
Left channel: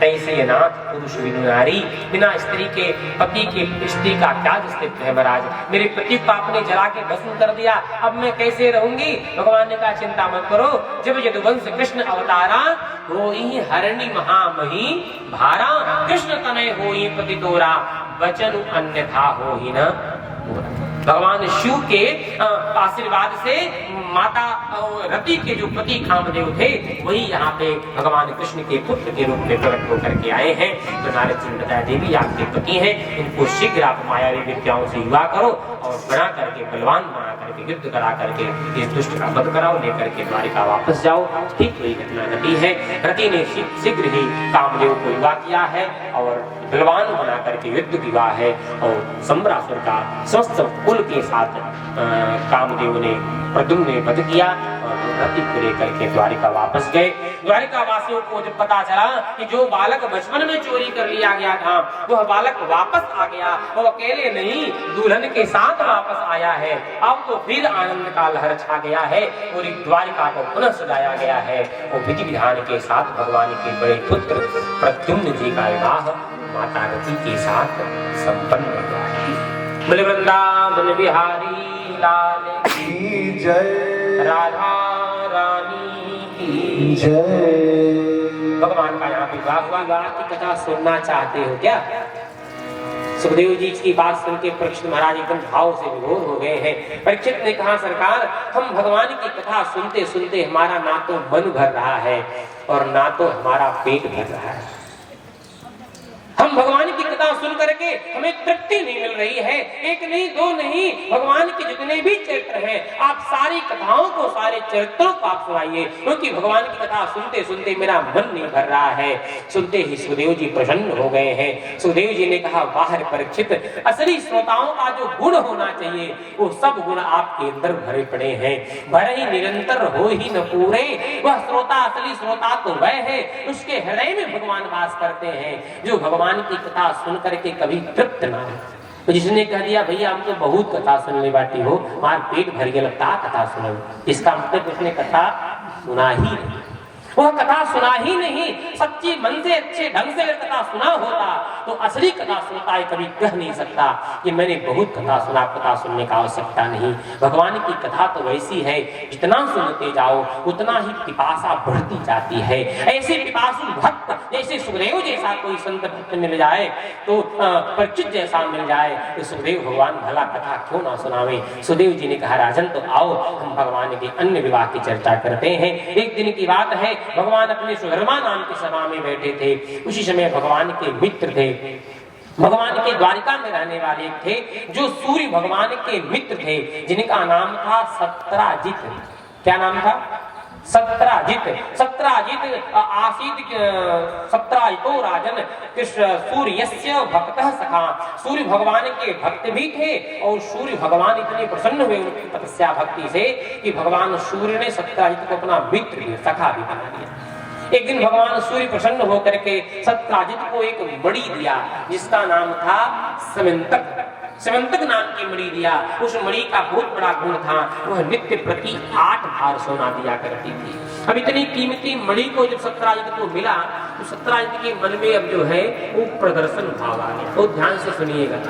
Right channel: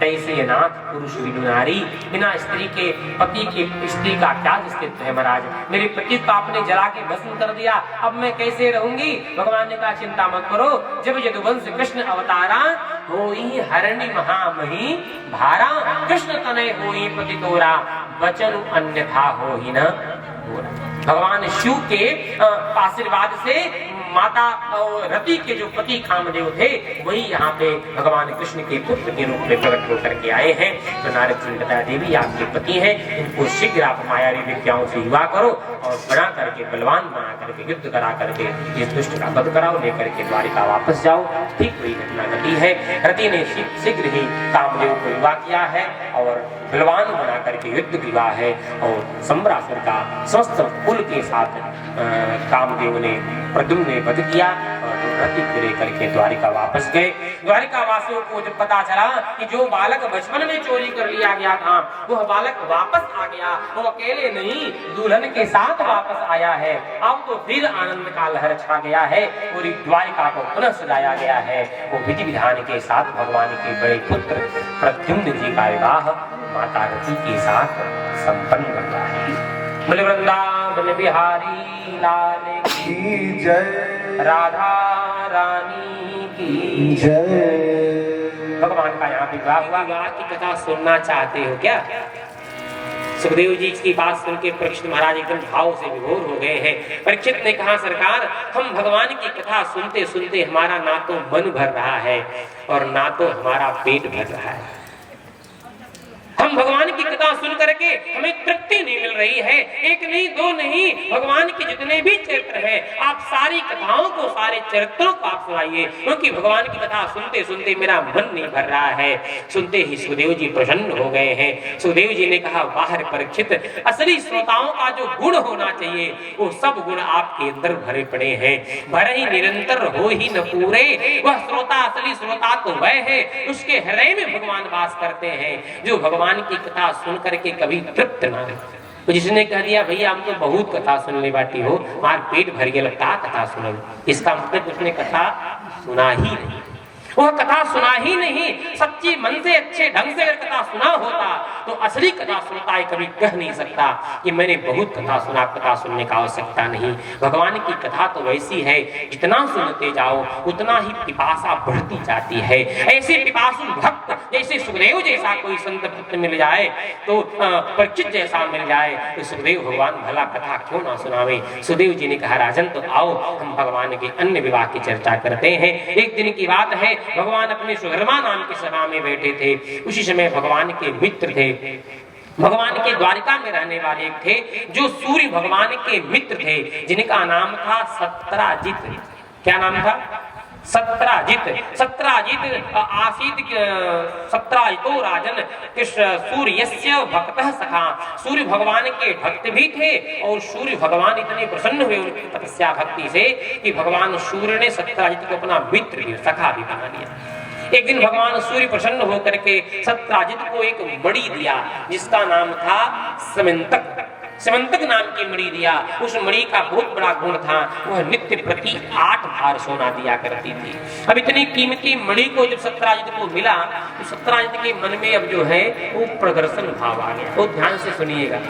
तैसे नाथ पुरुष बिनु नारी, बिना स्त्री के पति की स्त्री का क्या अस्तित्व है महाराज। मेरे पति को आपने जला के भस्म कर दिया, अब मैं कैसे रहूंगी। भगवान ने कहा चिंता मत करो, जब यदुवंश कृष्ण अवतारा होई हरणी महामही भारा, कृष्ण तनय होई पति तोरा, वचन अन्यथा होई न। भगवान शिव के आशीर्वाद से माता रति के जो पति कामदेव थे वही यहाँ पे भगवान कृष्ण के पुत्र के रूप में प्रकट होकर के आए हैं। तो नारद जी ने बताया देवी आपके पति हैं, इनको शीघ्र आप मायावी विद्याओं से युवा करो और बना करके बलवान बना करके युद्ध करा करके इस दुष्ट का वध कराओ, लेकर के द्वारिका वापस जाओ। ठीक वही घटना घटी है। रति ने शीघ्र ही कामदेव को युवा किया है और बलवान बना करके युद्ध किया है और सम्रासुर का समस्त कुल के साथ कामदेव ने प्रद्युम्न ने वध किया और रति को लेकर के द्वारिका वापस गए। द्वारिका वासियों को जब पता चला कि जो बालक बचपन में चोरी कर लिया गया था वह बालक वापस आ गया, वो अकेले नहीं दुल्हन के साथ वापस आया है, अब तो फिर आनंद का लहर छा गया है। पूरी द्वारिका को पुनः सजाया गया है। वो विधि विधान के साथ भगवान के बड़े पुत्र प्रद्युम्न जी का विवाह माता रति के साथ संपन्न हुआ है। बोले वृंदावन बिहारी लाल की जय, राधा रानी की जय। भगवान का यहाँ विवाह हुआ। विवाह की कथा सुनना चाहते हो क्या? सुखदेव जी की बात सुन के परीक्षित महाराज एकदम भाव से विभोर हो गए हैं। परीक्षित ने कहा सरकार हम भगवान की कथा सुनते सुनते हमारा ना तो मन भर रहा है और ना तो हमारा पेट भर रहा है। हम भगवान की कथा सुन करके हमें तृप्ति नहीं मिल रही है। एक नहीं दो नहीं, भगवान के जितने भी चरित्र हैं आप सारी कथाओं को सारे चरित्रों को आप सुनाइए, क्योंकि भगवान की कथा सुनते सुनते मेरा मन नहीं भर रहा है। सुनते ही सुखदेव जी प्रसन्न हो गए हैं। सुखदेव जी ने कहा बाहर परीक्षित, असली श्रोताओं का जो गुण होना चाहिए वो सब गुण आपके अंदर भरे पड़े हैं। भरे ही निरंतर हो ही न पूरे, वह श्रोता असली श्रोता तो वह है उसके हृदय में भगवान वास करते हैं, जो भगवान की कथा सुन करके कभी तृप्त ना हो। तो जिसने कह दिया भैया हम तो बहुत कथा सुनने बाटी हो, हमारा पेट भर गया लगता कथा सुनो, इसका मतलब उसने कथा सुना ही नहीं। वह कथा सुना ही नहीं, सच्ची मन से अच्छे ढंग से अगर कथा सुना होता तो असली कथा सुनता है कभी कह नहीं सकता कि मैंने बहुत कथा सुना, कथा सुनने का आवश्यकता नहीं। भगवान की कथा तो वैसी है जितना सुनते जाओ उतना ही पिपासा बढ़ती जाती है। ऐसे पिपासु भक्त जैसे सुखदेव जैसा कोई संत भक्त मिल जाए तो परीक्षित जैसा मिल जाए तो सुखदेव भगवान भला कथा क्यों ना सुनावे। सुखदेव जी ने कहा राजन तो आओ हम भगवान के अन्य विवाह की चर्चा करते हैं। एक दिन की बात है, भगवान अपने सुधर्मा नाम की सभा में बैठे थे। उसी समय भगवान के मित्र थे, भगवान के द्वारिका में रहने वाले थे जो सूर्य भगवान के मित्र थे, जिनका नाम था सत्राजित। क्या नाम था? सत्राजित। सत्राजित आसीत सत्राजितो राजन कृष्ण सूर्यस्य भक्तः सखा। सूर्य भगवान के भक्त भी थे और सूर्य भगवान इतने प्रसन्न हुए उनकी तपस्या भक्ति से कि भगवान सूर्य ने सत्राजित को अपना मित्र भी सखा भी बना दिया। एक दिन भगवान सूर्य प्रसन्न होकर के सत्राजित को एक मणि दिया जिसका नाम था समंतक। समंतक नाम की मणि दिया। उस मणि का बहुत बड़ा गुण था, वह नित्य प्रति 8 भार सोना दिया करती थी। अब इतनी कीमती मणि को जब सत्राजित को मिला तो सत्राजित के मन में अब जो है वो प्रदर्शन भाव आ गया। तो ध्यान से सुनिएगा,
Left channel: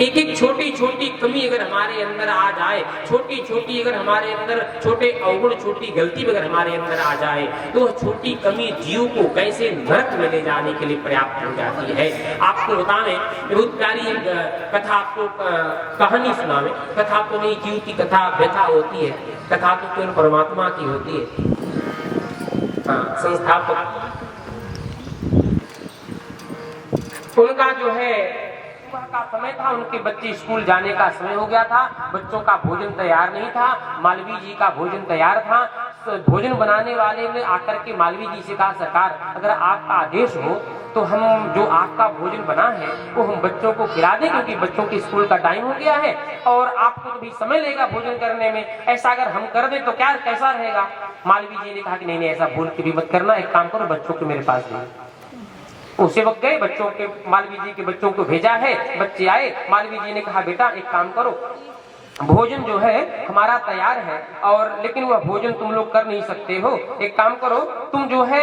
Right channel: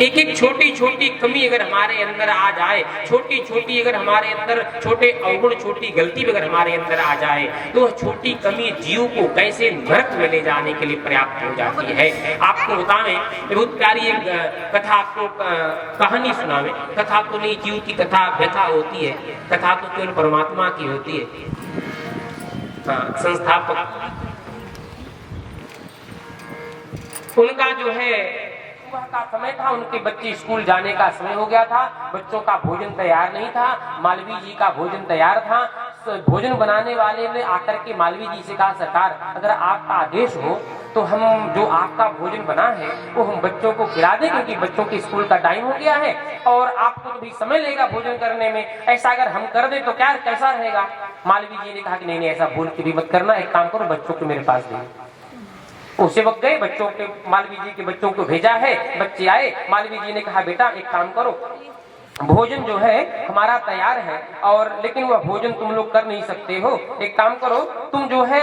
एक एक छोटी छोटी कमी अगर हमारे अंदर आ जाए, छोटी छोटी अगर हमारे अंदर छोटे अवगुण छोटी गलती अगर हमारे अंदर आ जाए तो छोटी कमी जीव को कैसे नरक में ले जाने के लिए पर्याप्त हो जाती है। आपको बताएं, बहुत प्यारी एक कथा आपको कहानी सुनावे। कथा तो नहीं, जीव की कथा व्यथा होती है, कथा तो केवल परमात्मा की होती है। हाँ, संस्थापक उनका जो है सुबह का समय था, उनके बच्चे स्कूल जाने का समय हो गया था, बच्चों का भोजन तैयार नहीं था। मालवीय जी का भोजन तैयार था। तो भोजन बनाने वाले ने आकर के मालवीय जी से कहा, सरकार अगर आपका आदेश हो तो हम जो आपका भोजन बना है वो हम बच्चों को खिला दें, क्योंकि बच्चों के स्कूल का टाइम हो गया है और आपको भी समय लगेगा भोजन करने में। ऐसा अगर हम कर दें तो क्या कैसा रहेगा? मालवीय जी ने कहा कि नहीं नहीं, ऐसा भूल के भी मत करना, एक काम करो बच्चों को मेरे पास दे। उसी वक्त गए, बच्चों के मालवीय जी के बच्चों को भेजा है, बच्चे आए। मालवीय जी ने कहा बेटा एक काम करो, भोजन जो है हमारा तैयार है और लेकिन वह भोजन तुम लोग कर नहीं सकते हो। एक काम करो, तुम जो है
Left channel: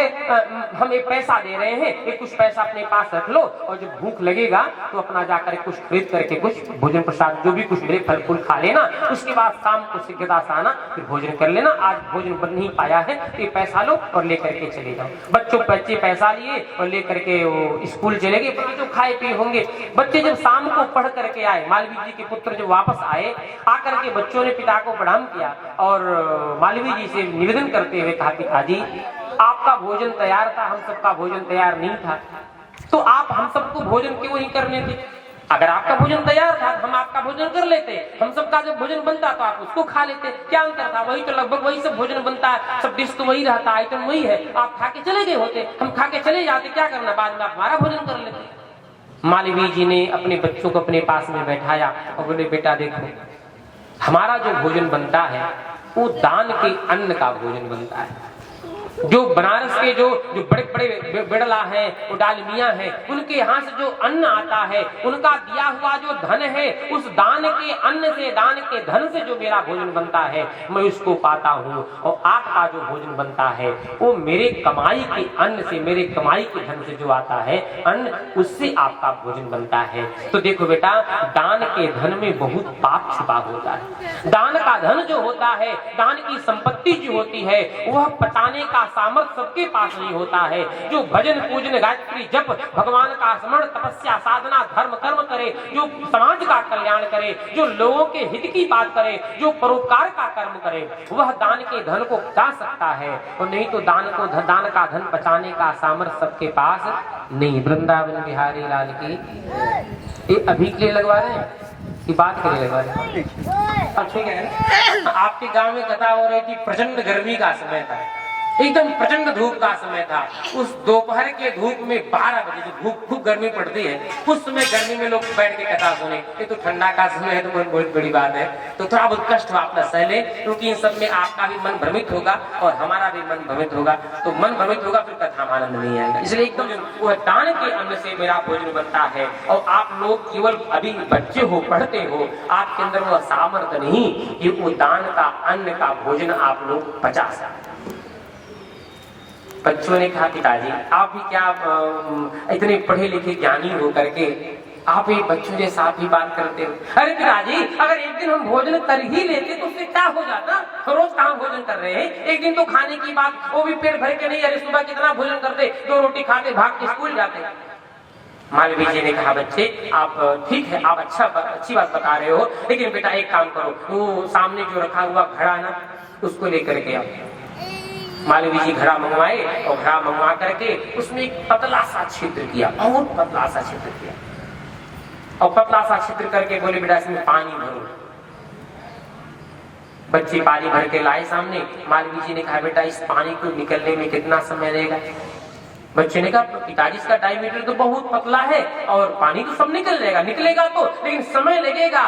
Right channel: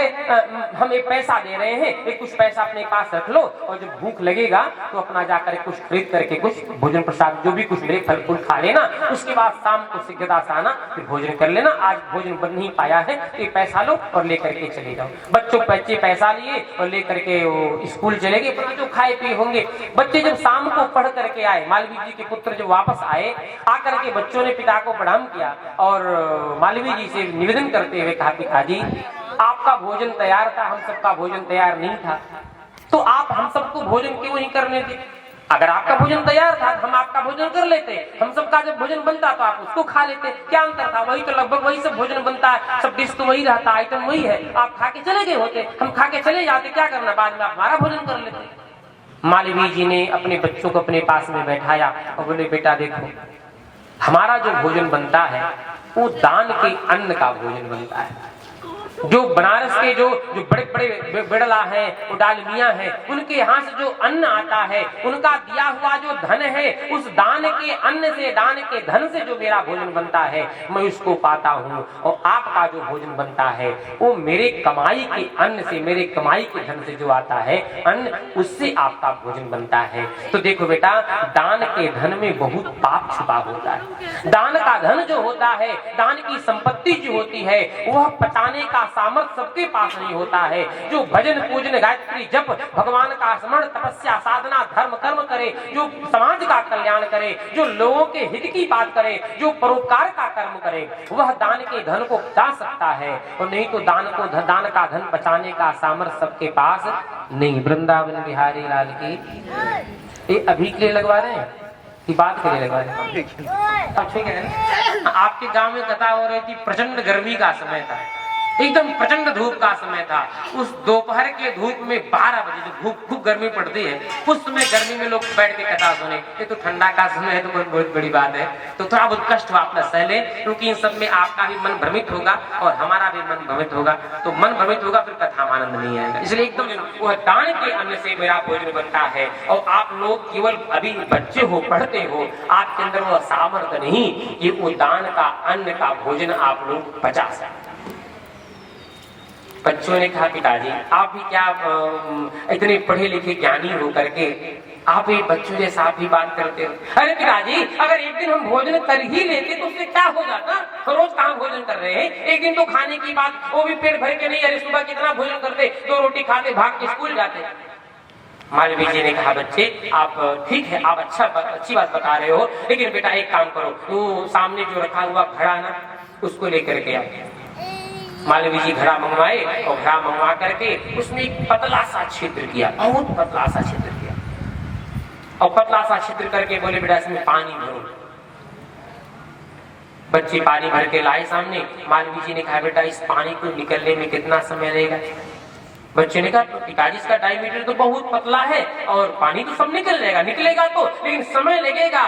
हम एक पैसा दे रहे हैं, एक कुछ पैसा अपने पास रख लो और जब भूख लगेगा तो अपना जाकर कुछ खरीद करके कुछ भोजन प्रसाद जो भी कुछ मिले फल फूल खा लेना। उसके बाद शाम को शीघ्रता से आना, फिर भोजन कर लेना। आज भोजन बन नहीं पाया है, ये पैसा लो और लेकर के चले जाओ। बच्चे पैसा लिए और लेकर के वो स्कूल चले गए। बच्चे जो खाए पिए होंगे, बच्चे जब शाम को पढ़ करके आए, मालवीय जी के पुत्र जब वापस आए, आकर के बच्चों ने पिता को प्रणाम किया और मालवीय जी से निवेदन करते हुए कहा, पिताजी आपका भोजन तैयार था, हम सबका भोजन तैयार नहीं था, तो आप हम सबको भोजन क्यों नहीं करने थे? अगर आपका भोजन तैयार था हम आपका भोजन कर लेते, हम सबका जब भोजन बनता तो आप उसको खा लेते। क्या अंतर था? वही तो लगभग वही सब भोजन बनता है, सब डिश तो वही रहता, आइटम वही है। आप खा के चले गए होते, हम खा के चले जाते, क्या करना, बाद में आप हमारा भोजन कर लेते। मालवीय जी ने अपने बच्चों को अपने पास में बैठाया और बोले, बेटा देखो, हमारा जो भोजन बनता है वो दान के अन्न का भोजन बनता है। जो बनारस के जो बड़े बड़े बिड़ला हैं, वो डालमिया हैं, उनके यहाँ से जो अन्न आता है, उनका दिया हुआ जो धन है, उस दान के अन्न से, दान के धन से जो मेरा भोजन बनता है मैं उसको पाता हूँ। और आपका जो भोजन बनता है वो मेरे कमाई के अन्न से, मेरे कमाई के धन से जो आता है अन्न, उससे आपका भोजन बनता है। तो देखो बेटा, दान के धन में बहुत पाप छुपा होता है। दान का धन जो होता है, दान की संपत्ति जो होती है, वह पचाने का सामर्थ्य सबके पास नहीं होता है। जो भजन पूजन गायत्री जप, भगवान का स्मरण, तपस्या साधना धर्म कर्म करे, जो समाज का कल्याण करे, जो लोगों के हित की बात करे, जो परोपकार का कर्म करे, वह दान के धन को पचा सकता है। और नहीं तो दान का धन पचाने का सामर्थ्य सबके पास नहीं। वृंदावन बिहारी लाल की ये अभी के लिए लगवा रहे हैं कि बात के लिए लगवा रहे हैं? अच्छा है। आपके गांव में कथा हो रही थी, प्रचंड गर्मी का समय था, एकदम प्रचंड धूप का समय था। उस दोपहर के धूप में 12 बजे जो धूप खूब गर्मी पड़ती है, उस समय गर्मी में लोग बैठ के कथा सुने। ये तो ठंडा का समय है तो बहुत बड़ी बात है, तो थोड़ा बहुत कष्ट अपना सह ले, क्योंकि इन सब में आपका भी मन भ्रमित होगा और हमारा भी मन भ्रमित होगा। तो मन भ्रमित होगा फिर कथा में आनंद नहीं आएगा। इसलिए एकदम वो दान के अन्न से मेरा भोजन बनता है। और आप लोग केवल अभी बच्चे हो, पढ़ते हो, आपके अंदर वह सामर्थ्य नहीं कि वो दान का अन्न का भोजन आप लोग पचा सकें। बच्चों ने कहा, पिताजी आप भी क्या इतने पढ़े लिखे ज्ञानी हो करके आप ही बच्चों जैसा आप ही बात करते हो? अरे पिताजी, अगर एक दिन हम भोजन कर ही लेते तो उससे क्या हो जाता? रोज कहाँ भोजन कर रहे हैं, एक दिन तो खाने की बात, वो भी पेट भर के नहीं। अरे सुबह कितना भोजन करते, 2 रोटी खाते भाग के स्कूल जाते। मालवीय जी ने कहा, बच्चे आप ठीक है, आप अच्छी बात बता रहे हो, लेकिन बेटा एक काम करो, वो सामने जो रखा हुआ घड़ा ना, उसको लेकर के आओ। मालवीय जी घड़ा मंगवाए और घड़ा मंगवा करके उसमें एक पतला सा छिद्र किया, बहुत पतला सा छिद्र किया और पतला सा छिद्र करके बोले, बेटा इसमें पानी भरो। बच्चे पानी भर के लाए सामने। मालवीय जी ने कहा, बेटा इस पानी को निकलने में कितना समय लगेगा? बच्चे ने कहा, तो पिताजी इसका डायमीटर तो बहुत पतला है और पानी तो सब निकल जाएगा, निकलेगा तो, लेकिन समय लगेगा,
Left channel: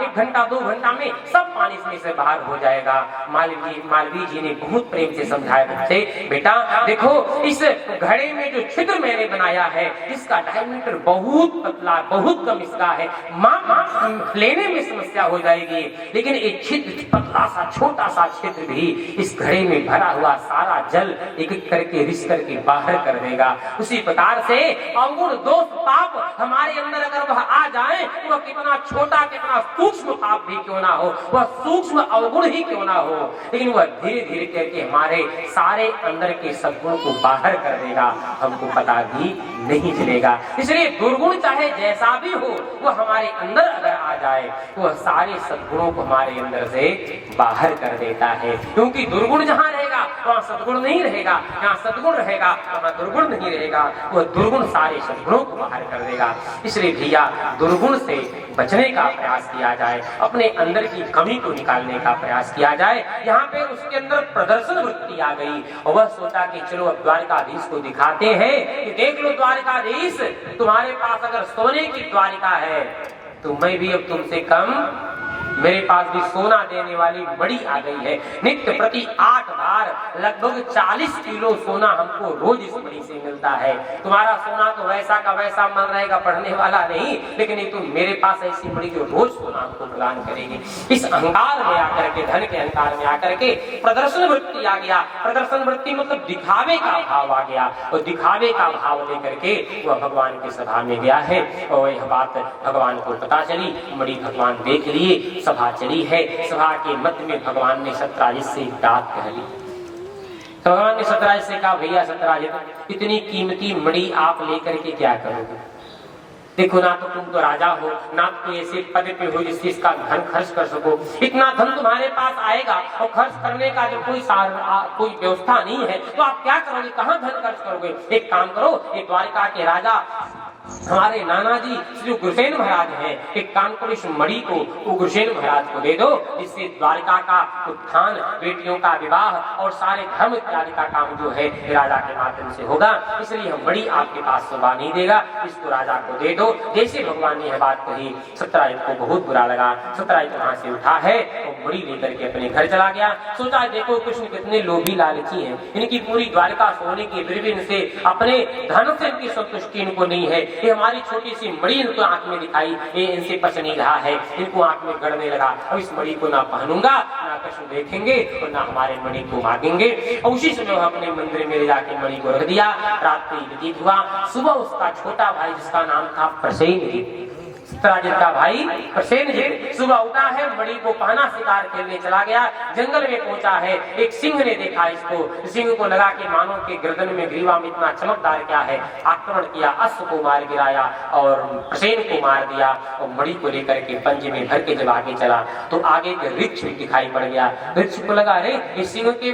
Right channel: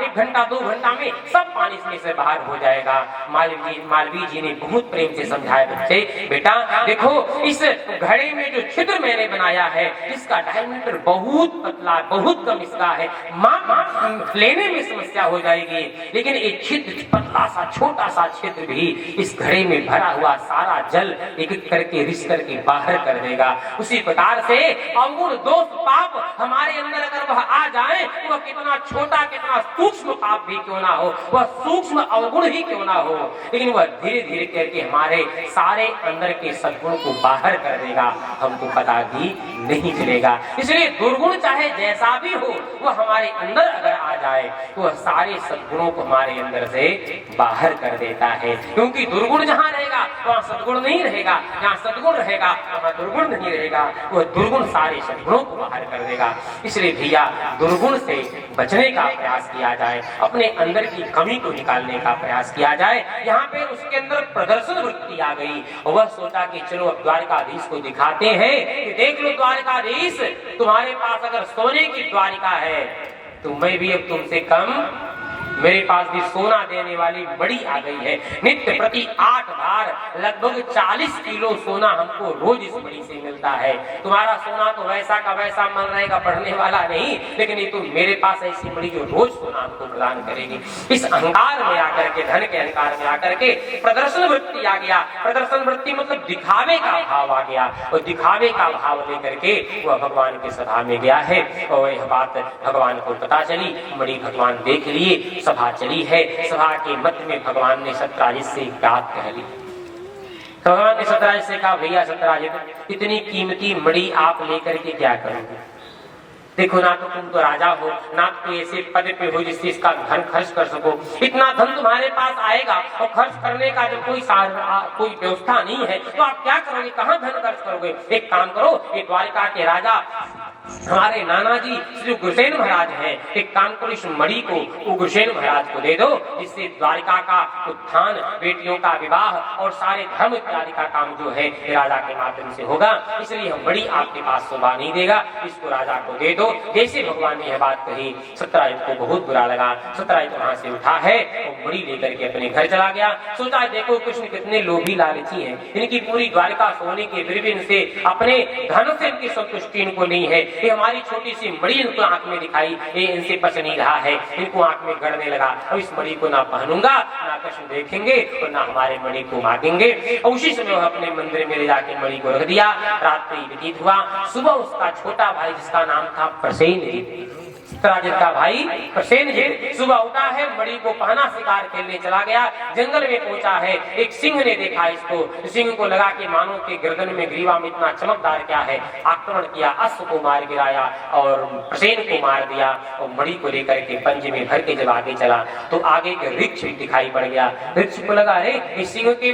1 घंटा 2 घंटा में सब पानी इसमें से बाहर हो जाएगा। मालवीय जी ने बहुत प्रेम से समझाया, बच्चे बेटा देखो, इस घड़े में जो छिद्र मैंने बनाया है इसका डायमीटर बहुत पतला, बहुत कम इसका है, मां लेने में समस्या हो जाएगी, लेकिन एक छिद्र पतला सा छोटा सा छिद्र भी इस घड़े में भरा हुआ सारा जल एक करके रिस करके बाहर कर देगा। उसी प्रकार से अवगुण दोष पाप हमारे अंदर अगर वह आ जाए, वह कितना छोटा कितना सूक्ष्म पाप भी क्यों ना हो, वह सूक्ष्म अवगुण ही क्यों ना हो, लेकिन वह धीरे धीरे करके हमारे सारे अंदर के सद्गुण को बाहर कर देगा, हमको पता भी नहीं चलेगा। इसलिए दुर्गुण चाहे जैसा भी हो वह हमारे अंदर अगर आ जाए तो वह सारे सद्गुणों को हमारे अंदर से बाहर कर देता है, क्योंकि दुर्गुण जहाँ रहेगा वहाँ सद्गुण नहीं रहेगा, जहाँ सद्गुण रहेगा वहाँ दुर्गुण नहीं रहेगा, वह दुर्गुण सारे सद्गुणों को बाहर कर देगा। इसलिए भैया दुर्गुण से बचने का प्रयास किया जाए, अपने अंदर की कमी को निकालने का प्रयास किया जाए। यहाँ पे उसके अंदर प्रदर्शन वृत्ति आ गई और वह सोचा कि चलो अब द्वारिकाधीश को दिखाते हैं कि देख लो द्वारिकाधीश, तुम्हारे पास अगर सोने की द्वारिका है तो मैं भी अब तुमसे कम, मेरे पास भी सोना देने वाली मणि आ गई है। नित्य प्रति 8 बार लगभग 40 किलो सोना हमको रोज इस मणि से मिलता है। तुम्हारा सोना तो वैसा का वैसा मन रहेगा, पढ़ने वाला नहीं, लेकिन ये तो मेरे पास ऐसी मणि जो रोज सोना हमको प्रदान करेगी। इस अहंकार में आकर के, धन के अहंकार में आकर के प्रदर्शन वृत्ति आ गया। प्रदर्शन वृत्ति मतलब दिखावे का भाव आ गया और दिखावे का भाव लेकर के वह भगवान की सभा में गया है और यह बात भगवान को पता चली। मणि भगवान देख लिए, सभा चली है। सभा के मध्य में भगवान ने सत्यराजित से बात कह दी। भगवान ने सत्यराजित से कहा, भैया सत्यराजित, इतनी कीमती मणि आप लेकर के क्या करोगे? देखो ना तो तुम तो राजा हो, ना तो ऐसे पद पे हो जिससे इसका धन खर्च कर सको। इतना धन तुम्हारे पास आएगा और खर्च करने का जो कोई व्यवस्था नहीं है तो आप क्या करोगे, कहाँ धन खर्च करोगे? एक काम करो, ये द्वारिका के राजा हमारे नाना जी श्री गुरुसेन महाराज हैं, एक काम करो इस मणि को गुरुसेन महाराज को दे दो, इससे द्वारिका का उत्थान, बेटियों का विवाह और सारे धर्म इत्यादि का काम जो है राजा के माध्यम से होगा। इसलिए हम मणि आपके पास शोभा नहीं देगा, इसको राजा को दे दो। जैसे भगवान ने यह बात कही सत्यराजित को बहुत बुरा लगा। सत्यराजित वहां से उठा है और मणि लेकर के अपने घर चला गया। सोचा देखो कृष्ण कितने लोभी लालची हैं, इनकी पूरी द्वारिका सोने के बिरबिन से, अपने धन से इनकी संतुष्टि इनको नहीं है। ये हमारी छोटी सी मणि इनको आंख में दिखाई, ये इनसे पच नहीं रहा है, इनको आंख में गड़ने लगा। अब इस मणि को ना पहनूंगा, ना कृष्ण देखेंगे और ना हमारे मणि को मांगेंगे। और उसी समय वह अपने मंदिर में ले जाके मणि को रख दिया। रात्रि व्यतीत हुआ। सुबह उसका छोटा भाई जिसका नाम था प्रसेनजीत, सत्यराजित का भाई प्रसेनजीत सुबह उठा है, मणि को पहना, शिकार खेलने चला गया। जंगल में पहुंचा है, एक सिंह ने देखा इसको। सिंह को लगा कि मानो के गर्दन में ग्रीवा में इतना चमकदार क्या है। आक्रमण किया, अश्व को मार गिराया और प्रसेन को मार दिया और मणि को लेकर के पंजे में भर के जब आगे चला तो आगे के वृक्ष दिखाई पड़ गया। वृक्ष को लगा, अरे इस सिंह के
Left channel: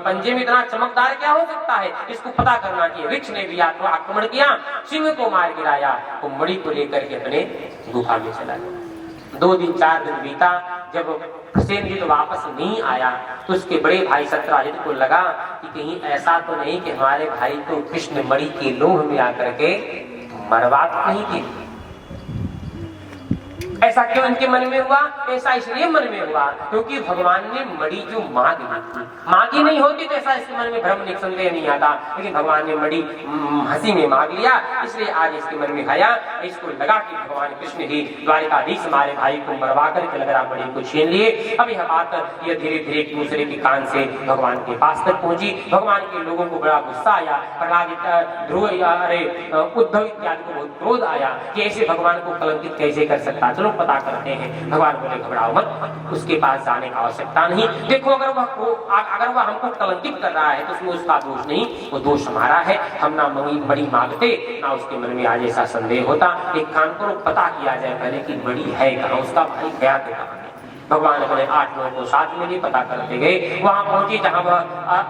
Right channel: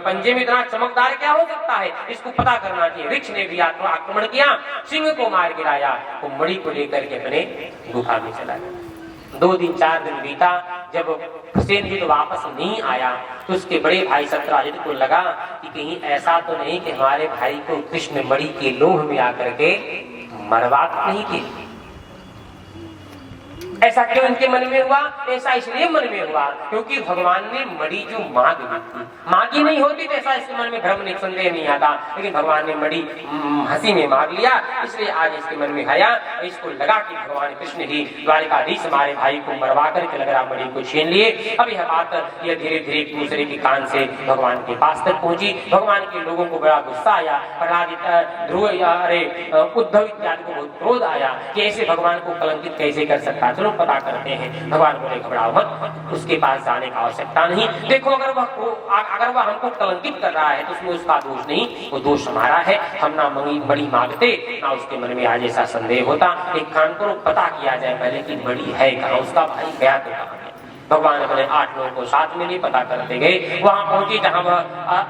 पंजे में इतना चमकदार क्या हो सकता है, इसको पता करना चाहिए। वृक्ष ने भी आक्रमण किया, सिंह को मार गिराया और मणि को लेकर के अपने गुफा में चला गया। 2 दिन 4 दिन बीता। जब प्रसेनजीत वापस नहीं आया तो उसके बड़े भाई सत्यराजित को लगा कि कहीं ऐसा तो नहीं कि हमारे भाई को कृष्ण मणि के लोभ में आकर के मरवा तो नहीं की। ऐसा क्यों इनके मन में हुआ? ऐसा इसलिए मन में हुआ क्योंकि भगवान ने मणि जो मांग ली थी, मांगी नहीं होती तो ऐसा इसके मन में भ्रम नहीं, संदेह नहीं आता, लेकिन भगवान ने मणि हंसी में मांग लिया, इसलिए आज इसके मन में आया। इसको लगा कि भगवान कृष्ण ही द्वारिकाधीश हमारे भाई को मरवा करके लग रहा मणि को छीन लिए। अब यह बात यह धीरे धीरे एक दूसरे के कान से भगवान के पास तक पहुंची। भगवान के लोगों को बड़ा गुस्सा आया, ध्रुव अरे उद्धव इत्यादि को बहुत क्रोध आया कि ऐसे भगवान को कलंकित कैसे कर सकता। चलो पता करते हैं। भगवान बोले घबराओ मत, उसके पास जाने की आवश्यकता नहीं। देखो अगर वह हमको कलंकित कर रहा है तो उसमें उसका दोष नहीं, वो दोष हमारा है। हम ना मणि मांगते ना उसके मन में आज ऐसा संदेह होता। एक काम करो, पता किया जाए पहले कि मणि है कहाँ, उसका भाई गया तो कहाँ। भगवान अपने 8 लोगों को साथ में लिए पता करते गए। वहां पहुंचे जहां वह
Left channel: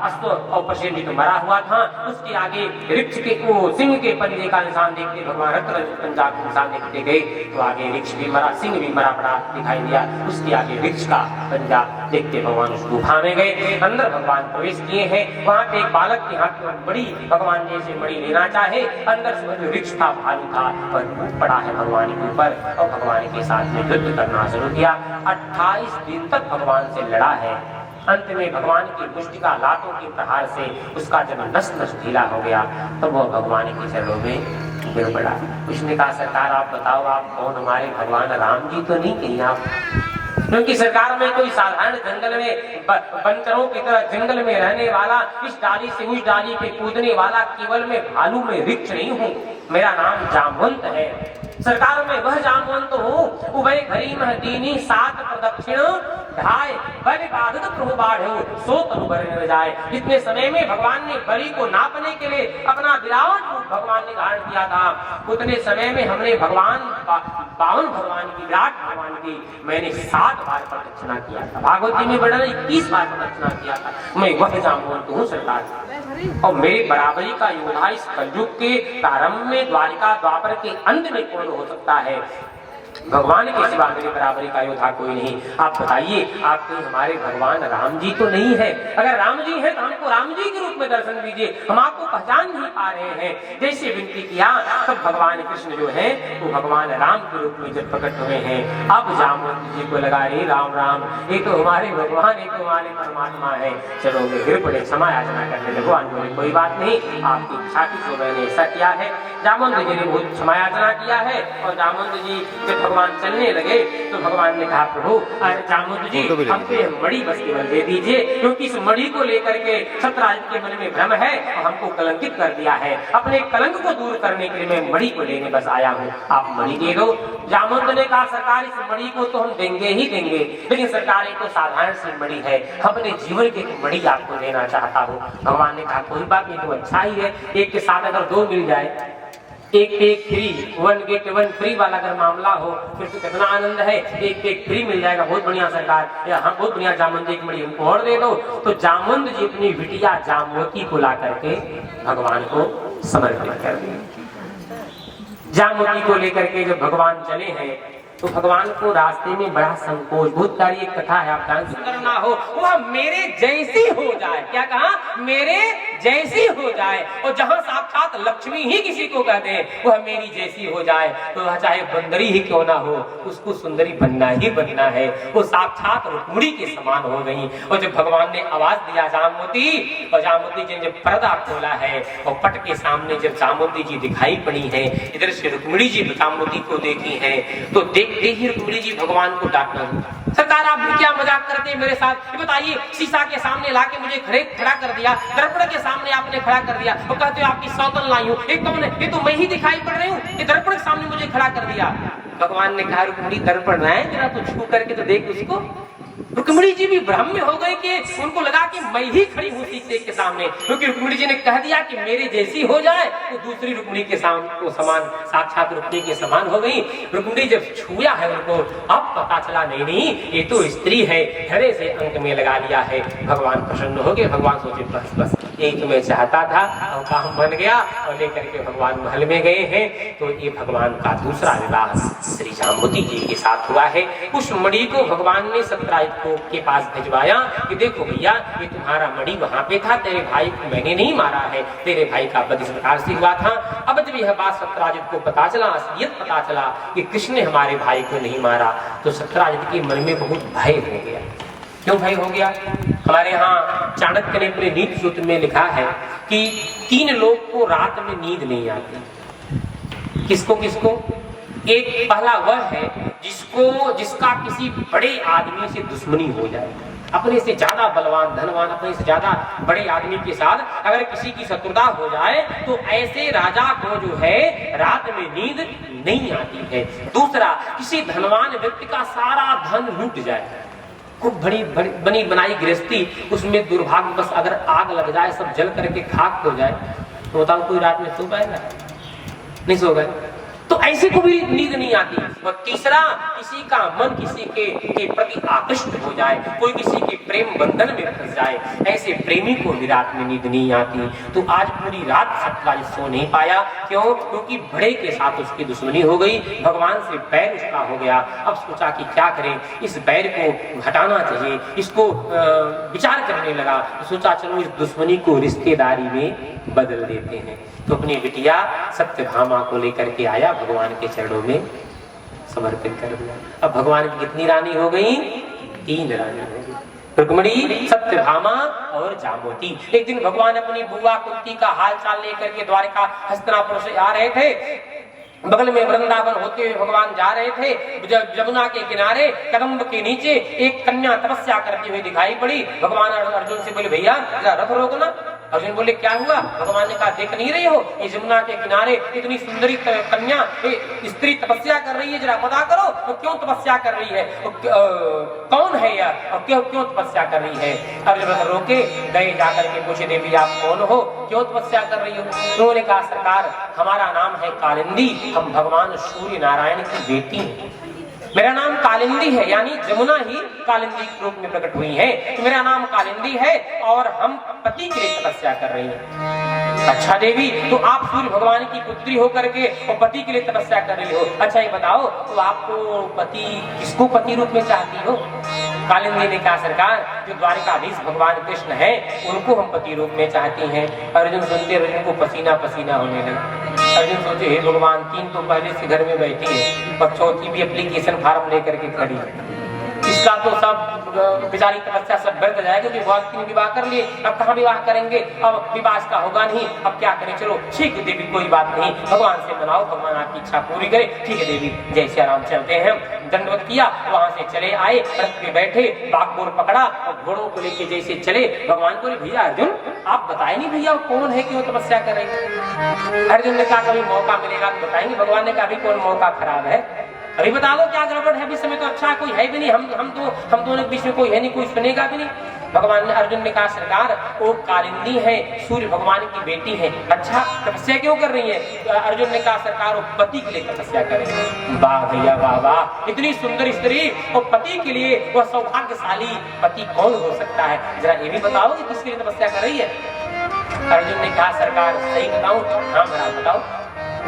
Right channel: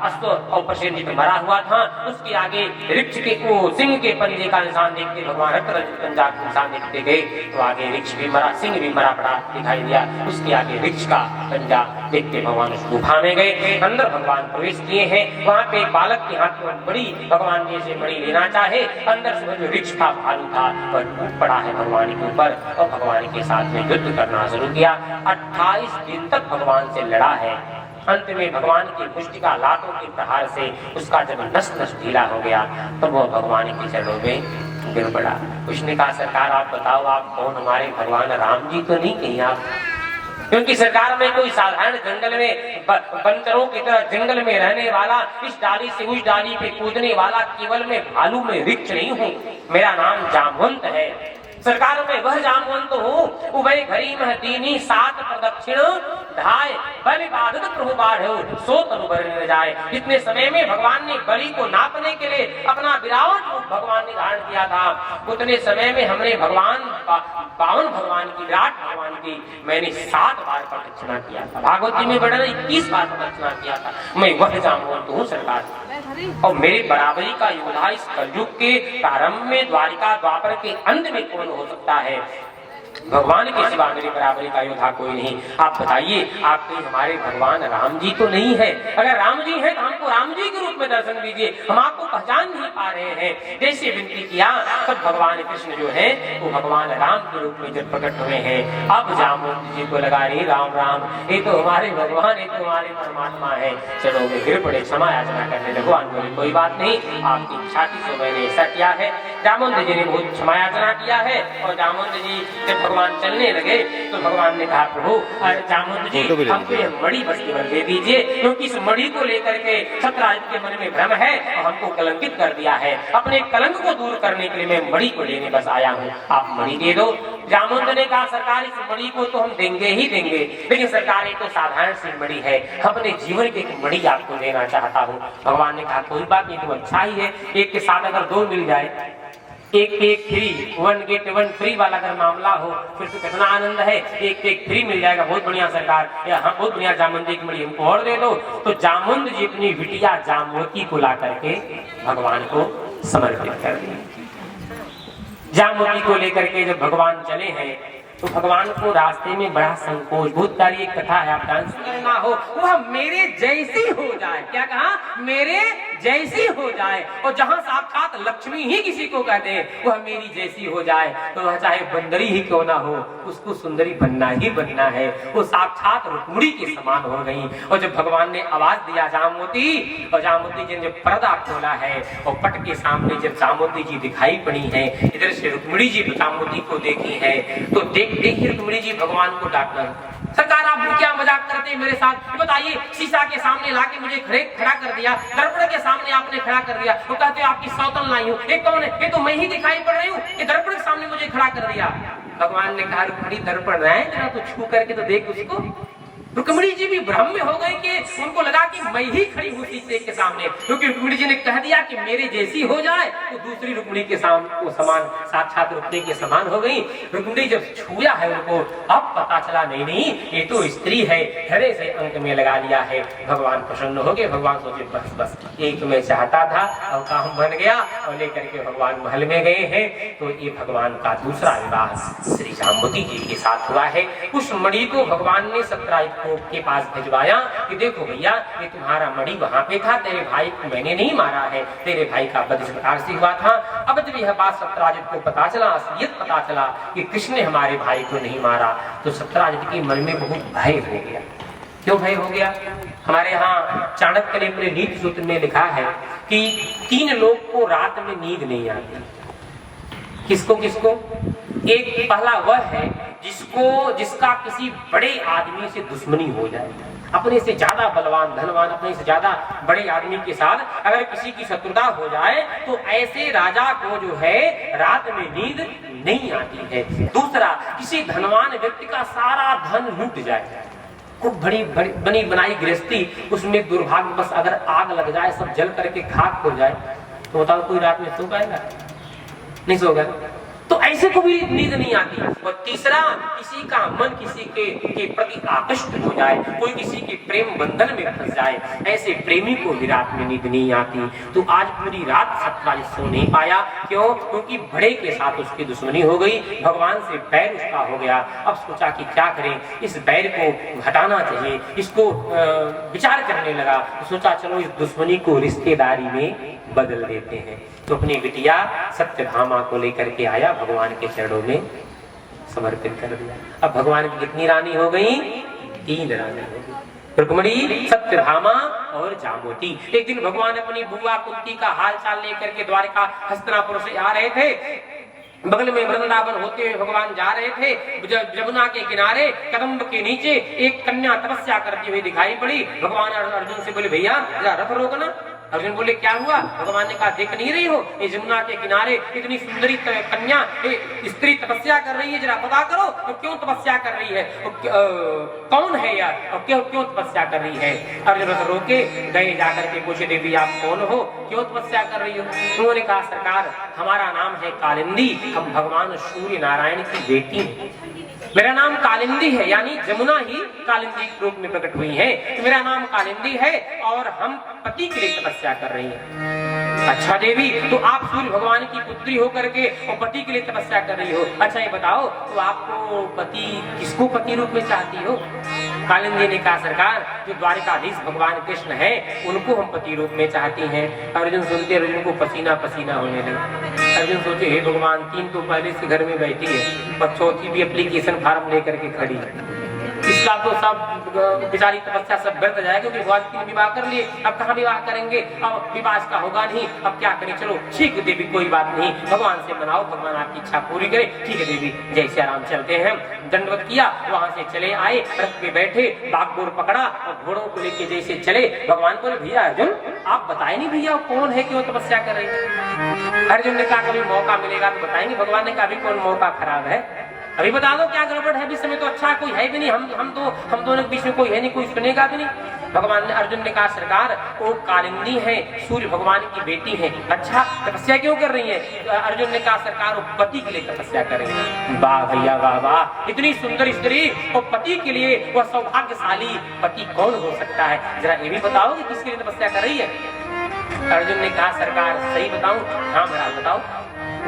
अश्व और प्रसेनजीत मरा हुआ था, उसके आगे वृक्ष के सिंह के पंजे का निशान देखते भगवान पंजा का निशान देखते गए तो आगे वृक्ष भी मरा, सिंह भी मरा पड़ा दिखाई दिया। उसके आगे वृक्ष का पंजा देखते भगवान उस गुफा में गए। अंदर भगवान प्रवेश किए हैं। वहां पे बालक के हाथ में मणि, भगवान जैसे मणि लेना चाहे, अंदर से जो वृक्ष का भालू था और टूट पड़ा है भगवान के ऊपर और भगवान के साथ में युद्ध करना शुरू किया। 28 दिन तक भगवान से लड़ा है। अंत में भगवान की मुष्टिका लातों के प्रहार से उसका जब नस नस ढीला हो गया तो वह भगवान के चरणों में गिर पड़ा। उसने कहा सरकार आप बताओ आप कौन, हमारे भगवान राम जी तो नहीं कहीं आप? क्योंकि सरकार में कोई साधारण जंगल में बंदरों की तरह जंगल में रहने वाला, इस डाली से उस डाली पे कूदने वाला केवल मैं भालू में वृक्ष नहीं हूँ। मेरा नाम जामवंत है। सरकार में वह जामवंत हूँ उभय घड़ी मह दीनी सात प्रदक्षिण ढाय बलि बाधित प्रभु बाढ़ सो तनुबर जाए। जितने समय में भगवान ने बलि को नापने के लिए अपना विराट रूप भगवान ने धारण किया था, उतने समय में हमने भगवान बावन भगवान की विराट भगवान की मैंने 7 बार प्रदक्षिणा किया था। भागवत जी में वर्णन 21 बार प्रदक्षिणा किया था। मैं वह जामवंत हूँ सरकार, और मेरे बराबरी का योद्धा इस कलयुग के प्रारंभ में द्वारिका द्वापर के अंत में कौन हो सकता है? भगवान के सिवा मेरे बराबरी का योद्धा कोई नहीं। आप बताइए, आप कहीं हमारे भगवान राम जी तो नहीं है? अगर राम जी है तो हमको राम जी के रूप में दर्शन दीजिए, हम आपको पहचान नहीं पा रहे हैं। जैसे विनती किया तब भगवान कृष्ण जो है वो भगवान राम के रूप में जब प्रकट हुए हैं। अब जामवंत जी को लगा रे राम राम, ये तो हमारे भगवान, ये तो हमारे परमात्मा है। चलो मैं फिर बड़े क्षमा याचना करने लगो। बोले कोई बात नहीं, आपकी इच्छा की तो मैंने ऐसा किया है। जामवंत जी ने बहुत क्षमा याचना किया है, और जामवंत जी जब भगवान चलने लगे तो भगवान ने कहा प्रभु जामवंत जी हमको ये मणि बस केवल दे दीजिए, क्योंकि इस मणि को लेकर के सत्यराजित के मन में भ्रम है और हमको कलंकित कर दिया है। अपने कलंक को दूर करने के लिए मैं मणि को लेने बस आया हूँ, आप मणि दे दो। जामवंत ने कहा सरकार इस मणि को तो हम देंगे ही देंगे, लेकिन सरकार ये तो साधारण सी मणि है, अपने जीवन की एक मणि आपको देना चाहता हूँ। भगवान ने कहा कोई बात नहीं, तो अच्छा ही है, एक के साथ अगर 2 मिल जाए, एक पे एक फ्री, 1 गेट 1 फ्री वाला अगर मामला हो फिर तो कितना आनंद है। एक पे एक फ्री मिल जाएगा, बहुत बढ़िया सरकार, या हाँ बहुत बढ़िया जामवंत जी की मणि हमको और दे दो। तो जामवंत जी अपनी बिटिया जामवती को ला करके भगवान को समर्पित कर दिया। जामवती को लेकर के जब भगवान चले हैं तो भगवान को रास्ते में बड़ा संकोच, भूतकारी एक कथा है, आप सुंदर ना हो वह मेरे जैसी हो जाए। क्या कहा? मेरे जैसी हो जाए। और जहां साक्षात लक्ष्मी ही किसी को कहते हैं वह मेरी जैसी हो जाए, तो वह चाहे बंदरी ही क्यों ना हो, उसको सुंदरी बनना ही बनना है। वो साक्षात रुक्मिणी के समान हो गई। और जब भगवान ने आवाज दिया जामवती, और जामवती जी ने जब पर्दा खोला है और पट के सामने जब जामवती जी दिखाई पड़ी है, इधर से रुक्मिणी जी जामवती को देखी है, तो देखिए रुक्मिणी जी भगवान को डांटना, सरकार आप भी क्या मजाक करते हैं मेरे साथ? ये बताइए, शीशा के सामने लाके मुझे खड़ा कर दिया, दर्पण के सामने आपने खड़ा कर दिया, और कहते हो आपकी सौतन लाई हूँ। एक कौन है? ये तो मैं ही दिखाई पड़ रही हूँ, ये दर्पण के सामने मुझे खड़ा कर दिया। भगवान ने कहा रुक्मिणी दर्पण रहा है, जरा तो छू करके तो देख उसको। रुक्मिणी जी भी भ्रम में हो गए कि उनको लगा कि मैं ही खड़ी हूँ शीशे के सामने, क्योंकि रुक्मिणी जी ने कह दिया कि मेरे जैसी हो जाए, तो दूसरी रुक्मिणी के सामने समान, साक्षात रुक्मिणी के समान हो गई। रुक्मिणी जब छुआ है उनको, अब पता चला नहीं ये तो स्त्री है, हृदय से अंक में लगा लिया है। भगवान प्रसन्न हो गए। भगवान सोचे बस बस यही तो मैं चाहता था, और काम बन गया। और लेकर के भगवान महल में गए हैं, तो ये भगवान का दूसरा विवाह श्री जामवती जी के साथ हुआ है। उस मणि को भगवान ने सत्यराजित के पास भिजवाया कि देखो भैया ये तुम्हारा मणि वहां पे था, तेरे भाई को मैंने नहीं मारा है, तेरे भाई का वध इस प्रकार से हुआ था। अब जब यह बात सत्यराजित को पता चला, असलियत पता चला कि कृष्ण ने हमारे भाई को नहीं मारा, तो सत्यराजित के मन में बहुत भय हो गया। क्यों भय हो गया? हमारे यहाँ चाणक्य ने अपने नीति सूत्र में लिखा है कि 3 लोग को रात में नींद नहीं आती। किसको किसको? एक पहला वह है जिसका किसी बड़े आदमी से दुश्मनी हो जाए, अपने से ज्यादा बलवान धनवान, अपने से ज्यादा बड़े आदमी के साथ अगर किसी की शत्रुता हो जाए, तो ऐसे राजा को जो है रात में नींद नहीं आती है। दूसरा, किसी धनवान व्यक्ति का सारा धन लूट जाए, खूब बनी बनाई गृहस्थी, उसमें दुर्भाग्यवश अगर आग लग जाए, सब जल करके खाक हो जाए, तो बताओ कोई रात में सो पाएगा? नहीं सोगा। तो ऐसे को भी नींद नहीं आती। और तीसरा, किसी का मन किसी के प्रति आकृष्ट हो जाए, कोई किसी के प्रेम बंधन में फंस जाए, ऐसे प्रेमी को भी रात में नींद नहीं आती। तो आज पूरी रात सत्यराजित सो नहीं पाया। क्यों? क्योंकि बड़े के साथ उसकी दुश्मनी हो गई, भगवान से बैर उसका हो गया। अब सोचा कि क्या करें, इस बैर को हटाना चाहिए, इसको विचार करने लगा। तो सोचा चलो इस दुश्मनी को रिश्तेदारी में बदल देते हैं। तो अपनी बिटिया सत्यभामा को लेकर के आया, भगवान के चरणों में समर्पित कर दिया। अब भगवान की कितनी रानी हो गई? 3 रानी हो गई, रुक्मिणी, सत्यभामा और जामवती। एक दिन भगवान अपनी बुआ कुंती का हाल चाल लेकर के द्वारका हस्तिनापुर से आ रहे थे। बगल में वृंदावन होते हुए भगवान जा रहे थे। जमुना के किनारे कदम्ब के नीचे एक कन्या तपस्या करती हुई दिखाई पड़ी। भगवान अर्जुन से बोले भैया जरा रथ रोकना। अर्जुन बोले क्या हुआ? भगवान ने कहा देख नहीं रही हो ये जमुना के किनारे इतनी सुंदरी कन्या स्त्री तपस्या कर रही है, जरा पता करो तो क्यों तपस्या कर रही है, कौन है यह और क्यों क्यों तपस्या कर रही है? अर्जुन रोके गए, जाकर के पूछे देवी आप कौन हो, क्यों तपस्या कर रही हो? उन्होंने कहा सरकार हमारा नाम है कालिंदी, हम भगवान सूर्य नारायण की बेटी हैं। मेरा नाम कालिंदी है, यानी जमुना ही कालिंदी के रूप में प्रकट हुई है, तो मेरा नाम कालिंदी है और हम पति के लिए तपस्या कर रही हैं। अच्छा देवी, तो आप सूर्य भगवान की पुत्री होकर के और पति के लिए तपस्या कर रही हो, अच्छा ये बताओ तो आपको पति किसको पति रूप में चाहती हो? कालिंदी ने कहा सरकार जो द्वारिकाधीश भगवान कृष्ण है उनको हम पति रूप में चाहती हैं। अर्जुन सुनते अर्जुन को पसीना पसीना होने लगा। अर्जुन सोचे हे भगवान, 3 तो पहले से घर में बैठी है और चौथी भी एप्लीकेशन फॉर्म लेकर के खड़ी है, इसका तो सब बेचारी तपस्या सब व्यर्थ जाएगा। जो भगवान 3 विवाह कर लिए, अब कहाँ विवाह करेंगे, अब विवाह का होगा नहीं, अब क्या करें? चलो ठीक है देवी कोई बात नहीं, भगवान से मनाओ, भगवान आपकी इच्छा पूरी करे। ठीक है देवी, जैसे आराम चलते हैं। दंडवत किया, वहां से चले आए, रथ पे बैठे, बागडोर पकड़ा और घोड़ों को लेके जैसे चले। भगवान बोले भैया अर्जुन आप बताए नहीं भैया कौन है, क्यों तपस्या कर रही है? अर्जुन ने कहा कभी मौका मिलेगा तो बताएंगे। भगवान ने कहा अभी कौन मौका खराब है, अभी बता दो क्या गड़बड़ है, अभी समय तो अच्छा है, कोई है भी नहीं, हम दोनों के बीच में कोई है नहीं, कोई सुनेगा भी नहीं। भगवान ने अर्जुन ने कहा सरकार वो कालिंदी है, सूर्य भगवान की बेटी है। अच्छा तपस्या क्यों कर रही है? तो अर्जुन ने कहा सरकार वो पति के लिए तपस्या कर रही है। वाह भैया वाह वाह, इतनी सुंदर स्त्री और पति के लिए, वह सौभाग्यशाली पति कौन हो सकता है? जरा ये भी बताओ कि किसके लिए तपस्या कर रही है? अर्जुन ने कहा सरकार सही बताऊं? हाँ भला बताओ।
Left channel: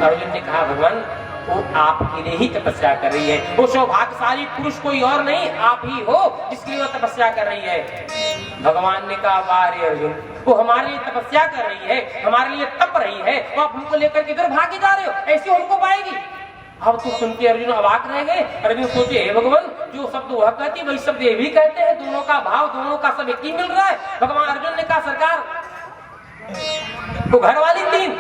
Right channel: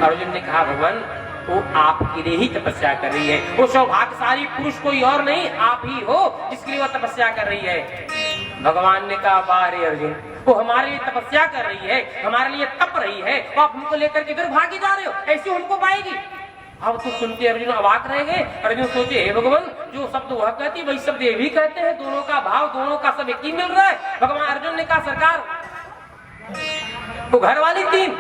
अर्जुन ने कहा भगवान वो आपके लिए ही तपस्या कर रही है, वो सौभाग्यशाली पुरुष कोई और नहीं आप ही हो जिसके लिए वो तपस्या कर रही है। भगवान ने कहा वाह रे अर्जुन, वो हमारे लिए तपस्या कर रही है, हमारे लिए तप रही है, वो आप हमको लेकर के इधर भागे जा रहे हो, ऐसे हमको पाएगी? अब तो सुनते अर्जुन अवाक रह गए। अर्जुन सोचे हे भगवान जो शब्द वह कहती वही शब्द ये भी कहते हैं, दोनों का भाव दोनों का सब एक ही मिल रहा है। भगवान अर्जुन ने कहा सरकार वो घर वाली 3।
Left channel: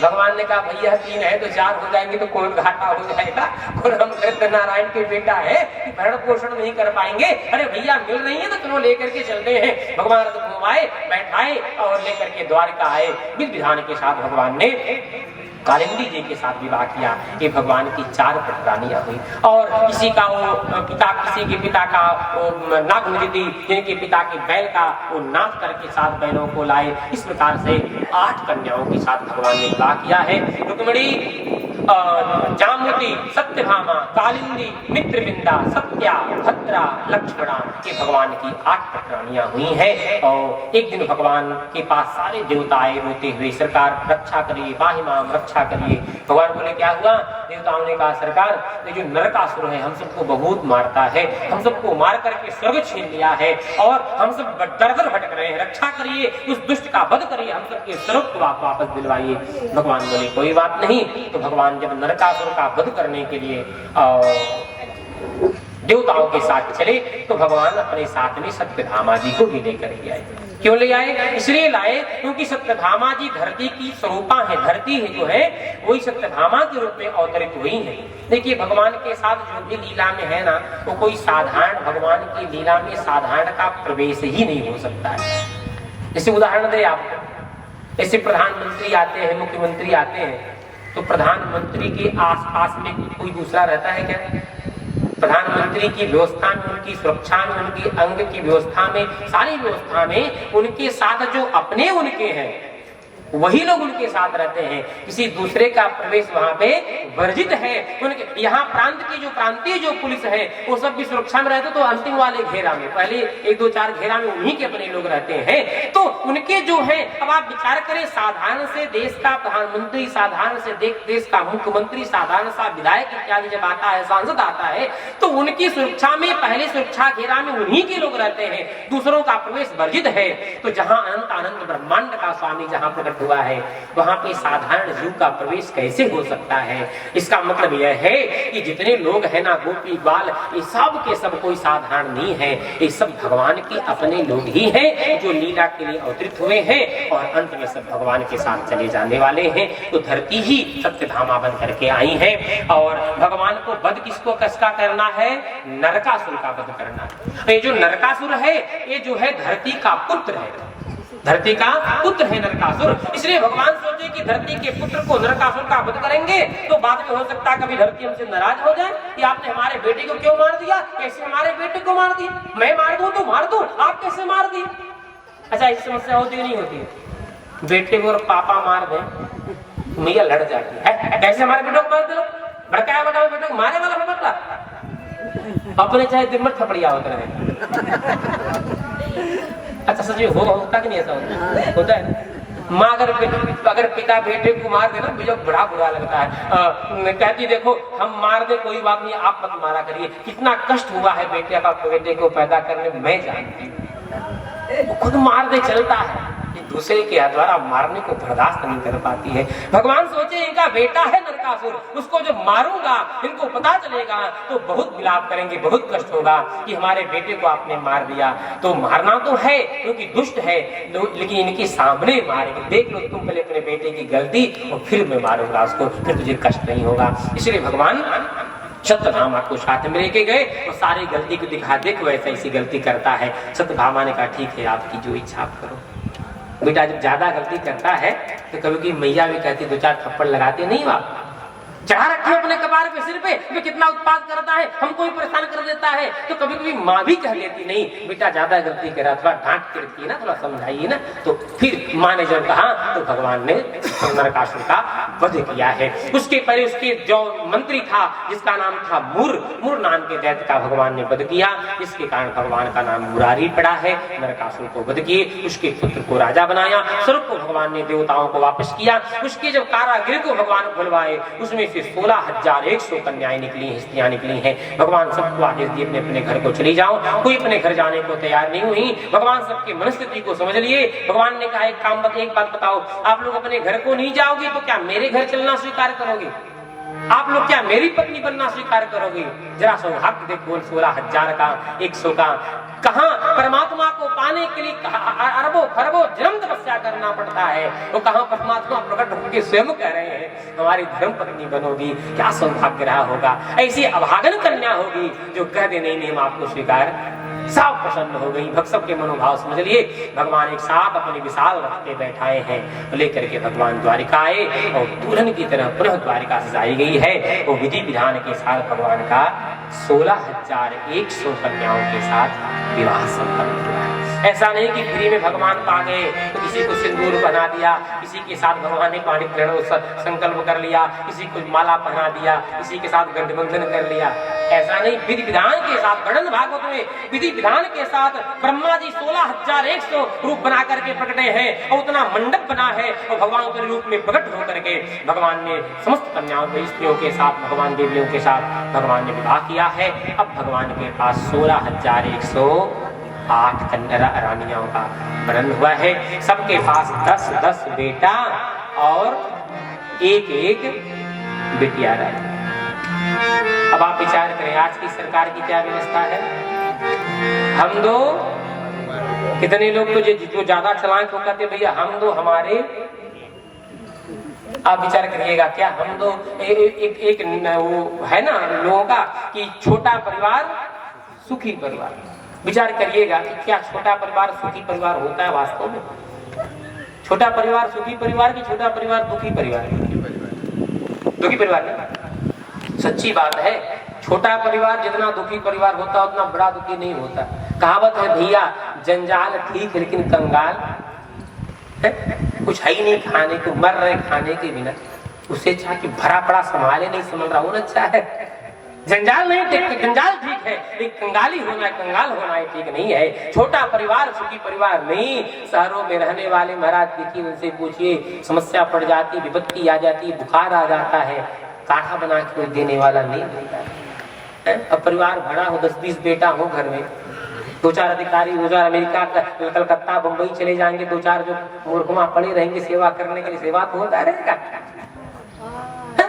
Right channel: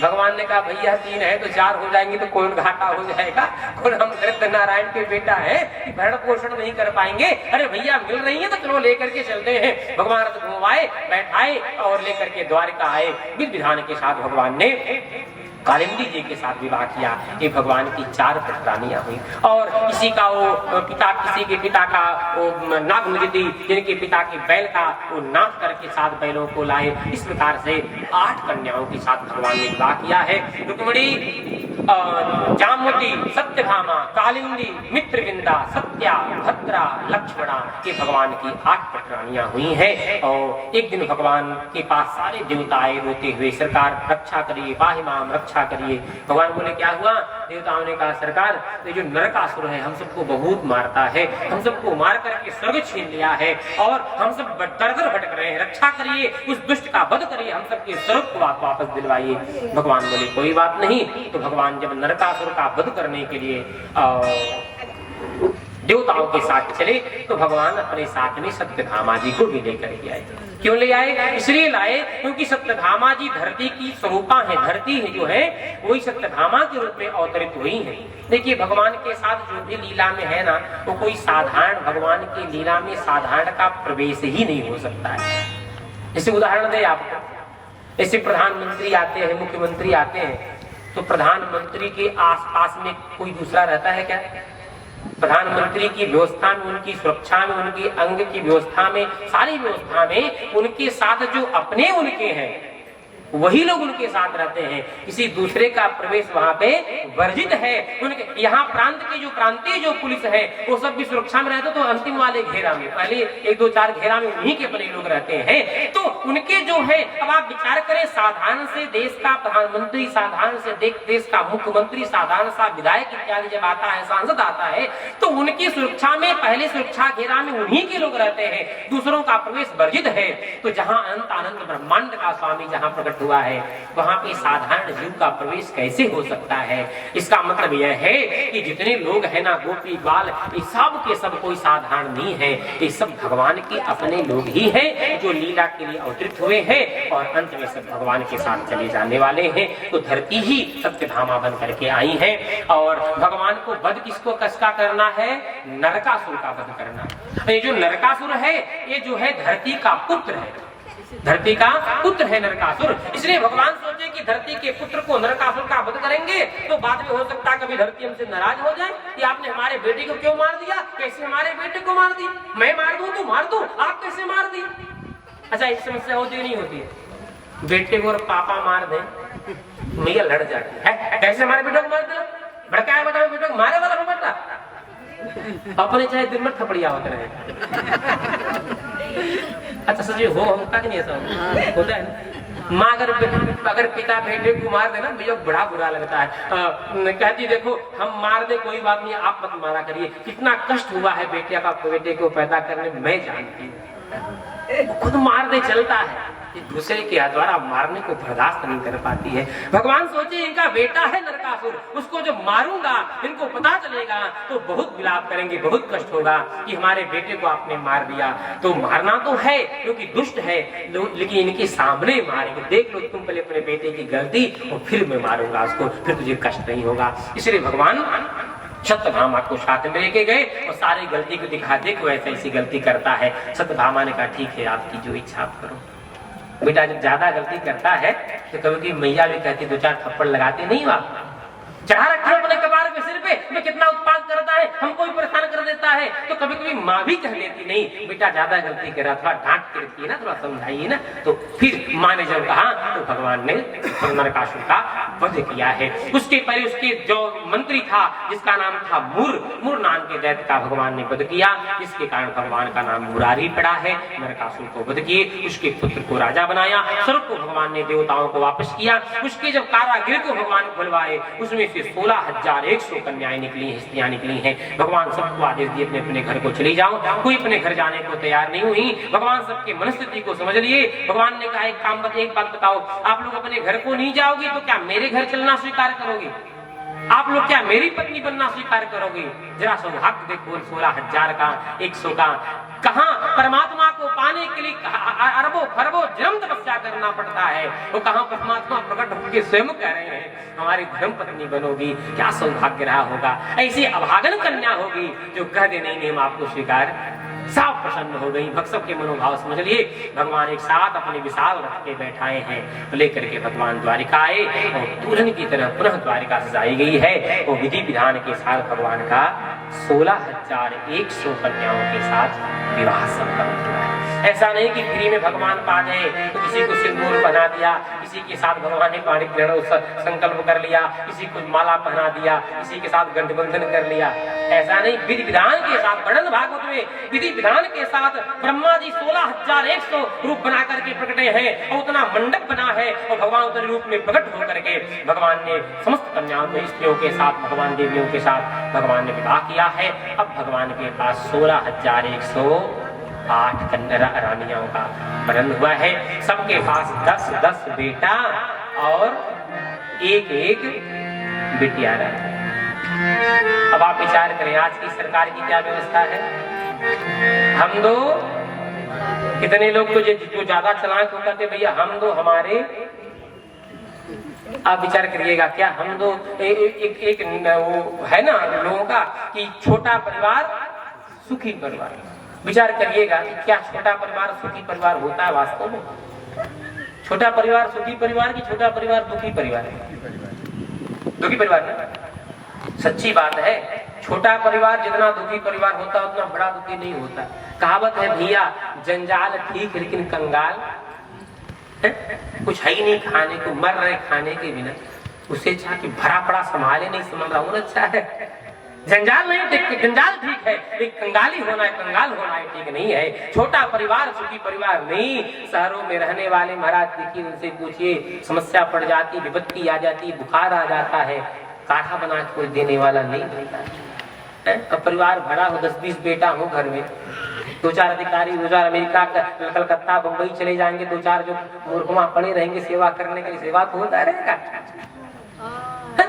भगवान ने कहा भैया 3 है तो 4 हो जाएंगे तो कौन घाटा हो जाएगा, कौन हम नारायण के बेटा है कि भरण पोषण नहीं कर पाएंगे? अरे भैया मिल रही है तो चलो लेकर के चलते हैं। भगवान रथ घुमाए बैठाए और लेकर के द्वारिका आए। विधि विधान के साथ भगवान ने कालिंदी जी के साथ विवाह किया। ये भगवान की 4 पुत्रानियां हुई और किसी का वो पिता, किसी के पिता का वो नाग नदी, जिनके पिता के बैल का वो नाथ करके 7 बैलों को लाए। इस प्रकार से 8 कन्याओं के साथ भगवान ने विवाह किया है। रुक्मिणी, जामुती, सत्यभामा, कालिंदी, मित्रविंदा, सत्या, भद्रा, लक्ष्मणा, ये भगवान की 8 पुत्रानियां हुई हैं। और एक दिन भगवान के पास सारे देवता आए रोते हुए, सरकार रक्षा करिए, पाहि माम रक्षा करिए। भगवान बोले क्या हुआ? देवताओं ने कहा सरकार ये जो नरकासुर है हम सबको बहुत मारता है, हम सबको मार करके स्वर्ग छीन लिया है और हम सब दर-दर भटक रहे हैं, रक्षा करिए, उस दुष्ट का वध करिए, हम सबके स्वर्ग को वापस दिलवाइए। भगवान बोले कोई बात नहीं। तो भगवान जब नरकासुर का वध करने के लिए देवताओं के साथ चले तो भगवान अपने साथ में सत्यभामा जी को भी लेकर के आए। क्यों ले आए? इसलिए लाए क्योंकि सत्यभामा जी धरती की स्वरूपा है, धरती है जो है वही सत्यभामा के रूप में अवतरित हुई है। देखिए भगवान के साथ जो भी लीला में है ना, वो कोई साधारण, भगवान की लीला में साधारण का प्रवेश ही नहीं हो सकता है। जैसे उदाहरण दे आपको, ऐसे प्रधानमंत्री आते हैं, मुख्यमंत्री आते हैं, तो प्रधानमंत्री के आसपास में कोई दूसरा रहता है क्या? प्रधानमंत्री की व्यवस्था में, उनकी सुरक्षा में, उनकी अंग की व्यवस्था में, सारी व्यवस्था में उनके साथ जो अपने उनके हैं वही लोग उनके साथ रहते हैं। किसी दूसरे का प्रवेश वहाँ पे वर्जित है। उनके यहाँ प्रांत की जो प्रांतीय जो पुलिस है वो सब भी सुरक्षा में रहते, तो अंतिम वाले घेरा में, पहले 1-2-4 घेरा में उन्हीं के अपने लोग रहते हैं। तो उनके जो है, अब आप विचार करें, साधारण से देश का प्रधानमंत्री, साधारण से देश का मुख्यमंत्री, साधारण सा विधायक इत्यादि जब आता है, सांसद आता है, तो उनकी सुरक्षा में पहले सुरक्षा घेरा में उन्हीं के लोग रहते हैं, दूसरों का प्रवेश वर्जित है। तो जहाँ अनंत अनंत ब्रह्मांड का स्वामी जहाँ प्रकट हुआ है वहां पे साधारण जीव का प्रवेश कैसे हो सकता है? इसका मतलब यह है कि जितने लोग हैं ना, गोपी बाल, ये सब के सब कोई साधारण नहीं है, ये सब भगवान के अपने लोग ही हैं जो लीला के लिए अवतरित हुए हैं और अंत में सब भगवान के साथ चले जाने वाले हैं। तो धरती ही सत्यभामा बन करके आई है और भगवान को वध किसको कसका करना है? नरकासुर का वध करना। ये जो नरकासुर है ये जो है धरती का पुत्र है। धरती का पुत्र है नरकासुर, इसलिए भगवान सोचे कि धरती के पुत्र को नरकासुर का वध करेंगे तो बाद में हो सकता है कभी धरती हमसे नाराज हो जाए कि आपने हमारे बेटे को क्यों मार दिया, कैसे हमारे बेटे को मार दिया, मैं मार दूं तो मार दूं, आप कैसे मार दी। अच्छा, इस समस्या होती है नहीं होती है? बेटे को और पापा मार दे मैया लड़ जाती है, कैसे हमारे बेटों को मार दिया, भड़काया बेटा बेटे को मारे वाला बेटा, अपने चाहे दिन में थपड़िया होते रहे। अच्छा सच में होता कि नहीं ऐसा होता है ना। माँ अगर पिता बेटे को मार देना मुझे बड़ा बुरा लगता है, कहती देखो हम मार दे कोई बात नहीं, आप मत मारा करिए, कितना कष्ट हुआ है बेटे को पैदा करने में मैं जानती हूँ, खुद मार दे चलता है, दूसरे के द्वारा मारने को बर्दाश्त नहीं कर पाती है। भगवान सोचे इनका बेटा है नरकासुर, उसको जब मारूंगा इनको पता चलेगा तो बहुत विलाप करेंगे, बहुत कष्ट होगा कि हमारे बेटे को आपने मार दिया। तो मारना तो है क्योंकि दुष्ट है, लेकिन इनके सामने मारेंगे, देख लो तुम पहले अपने बेटे की गलती और फिर मैं मारूंगा उसको, फिर तुझे कष्ट नहीं होगा। इसलिए भगवान सत्यभामा को साथ में लेके गए और सारी गलती को दिखा दे कि वैसे ऐसी गलती करता है। सत्यभामा ने कहा ठीक है आपकी जो इच्छा आप करो। बेटा जब ज्यादा गलती करता है तो कभी मैया भी कहती 2-4 थप्पड़ लगाते नहीं हो आप, चढ़ा रखे अपने कपार पे सिर पे, मैं कितना उत्पाद करता है, हमको भी परेशान कर देता है। तो कभी कभी माँ भी कह देती नहीं बेटा ज्यादा गलती कर रहा, थोड़ा डांट के रखिए ना, थोड़ा समझाइए ना। तो फिर माँ ने जब कहा तो भगवान ने नरकासुर का वध किया है। उसके पहले उसके जो मंत्री था जिसका नाम था मुर नाम के दैत्य का भगवान ने वध किया, इसके कारण भगवान का नाम मुरारी पड़ा है। नरकासुर को वध किए, उसके पुत्र को राजा बनाया, स्वरूप को भगवान ने देवताओं को वापस किया। उसके जब कारागृह को भगवान खुलवाए उसमें 16,100 कन्याएं निकली हैं, स्त्रियां निकली हैं। भगवान सबको आदेश दिए अपने अपने घर को चली जाओ, कोई अपने घर जाने को तैयार नहीं हुई। भगवान सबकी मनस्थिति को समझ लिए। भगवान ने कहा एक बात बताओ, आप लोग अपने घर को नहीं जाओगे तो क्या मेरे घर चलना स्वीकार करोगे? आप लोग क्या मेरी पत्नी बनना स्वीकार करोगे? जरा सौभाग्य देखो 16,100 का। कहां परमात्मा को पाने के लिए अरबों खरबों जन्म तपस्या करना पड़ता है, वो कहां परमात्मा प्रकट होकर स्वयं कह रहे हैं हमारी धर्म पत्नी बनोगी। क्या सौभाग्य रहा होगा, ऐसी अभागन कन्या होगी जो कह दे नहीं हम आपको स्वीकार। सब प्रसन्न हो गई, भक्त के मनोभाव समझ लिए। भगवान एक साथ अपने विशाल रथ पे बैठाए हैं, लेकर के भगवान द्वारिका आए और दुल्हन की तरह पुनः द्वारिका सजाई गई है। वो विधि विधान के साथ भगवान का 16,100 कन्याओं के साथ विवाह संपन्न हुआ है। ऐसा नहीं कि फ्री में भगवान पा गए तो किसी को सिंदूर बना दिया, किसी के साथ भगवान ने पाणी संकल्प कर लिया, किसी को माला पहना दिया, किसी के साथ गंधबंधन कर लिया। ऐसा नहीं, विधि विधान के साथ वर्णन भागवत में विधि विधान के साथ ब्रह्मा जी 16,100 रूप बना करके प्रकटे हैं और उतना मंडप बना है और भगवान के रूप में प्रकट होकर के भगवान ने समस्त कन्याओं को स्त्रियों के साथ भगवान देवियों के साथ भगवान ने विवाह किया है। अब भगवान के पास 16,108 कन्या रानियों का वर्णन हुआ है। सबके पास 10-10 बेटा और एक बिटिया रहा। अब आप विचार करें आज की सरकार की क्या व्यवस्था है। हम दो कितने लोग तो जिसको ज्यादा चलाएं तो कहते भैया हम दो हमारे, आप विचार करिएगा क्या हम दो एक वो है ना लोगों का कि छोटा परिवार सुखी परिवार। विचार करिएगा कि क्या छोटा परिवार सुखी परिवार होता है वास्तव में? छोटा परिवार सुखी परिवार की छोटा परिवार दुखी परिवार? दुखी परिवार ना, सच्ची बात है। छोटा परिवार जितना दुखी परिवार होता उतना बड़ा दुखी नहीं होता। कहावत है भैया जंजाल ठीक लेकिन कंगाल है? कुछ है ही नहीं खाने को, मर रहे खाने के बिना, उससे अच्छा कि भरा पड़ा संभाले नहीं संभाल रहा वो अच्छा है। जंजाल नहीं, जंजाल ठीक है लेकिन कंगाली होना है, कंगाल होना है ठीक नहीं है। छोटा परिवार सुखी परिवार नहीं। शहरों में रहने वाले महाराज देखिए उनसे पूछिए, समस्या पड़ जाती, विपत्ति आ जाती, बुखार आ जाता है, काढ़ा बना के कोई देने वाला नहीं होता है। अब परिवार भरा हो 10-20 बेटा हो घर में, 2-4 अधिकारी 2-4 अमेरिका कलकत्ता बंबई चले जाएंगे, 2-4 जो मूर्खमा पड़े रहेंगे सेवा करने के लिए, सेवा तो होता रहेगा।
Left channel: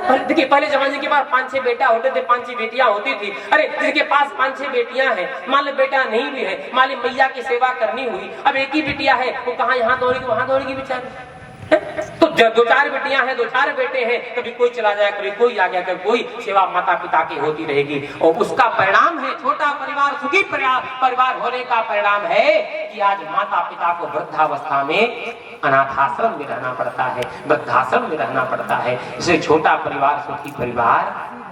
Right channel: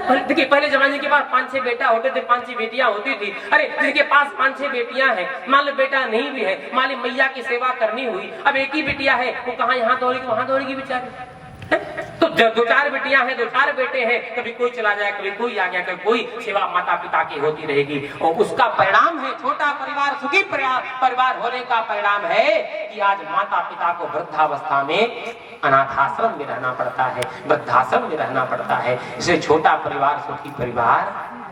देखिए पहले जमाने के पास 5-6 बेटा होते थे, 5-6 बेटियां होती थी। अरे जिसके पास 5-6 बेटियां हैं, मान लो बेटा नहीं भी है, मान लो मैया की सेवा करनी हुई, अब एक ही बेटिया है वो कहाँ यहाँ दौड़ेगी वहां दौड़ेगी बेचारी। तो दो चार बेटियां हैं, दो चार बेटे हैं, कभी कोई चला जाए, कभी कोई आ गया, कभी कोई सेवा माता पिता की होती रहेगी। और उसका परिणाम है छोटा परिवार, सुखी परिवार होने का परिणाम है कि आज माता पिता को वृद्धावस्था में अनाथाश्रम में रहना पड़ता है, वृद्धाश्रम में रहना पड़ता है। इसलिए छोटा परिवार सुखी परिवार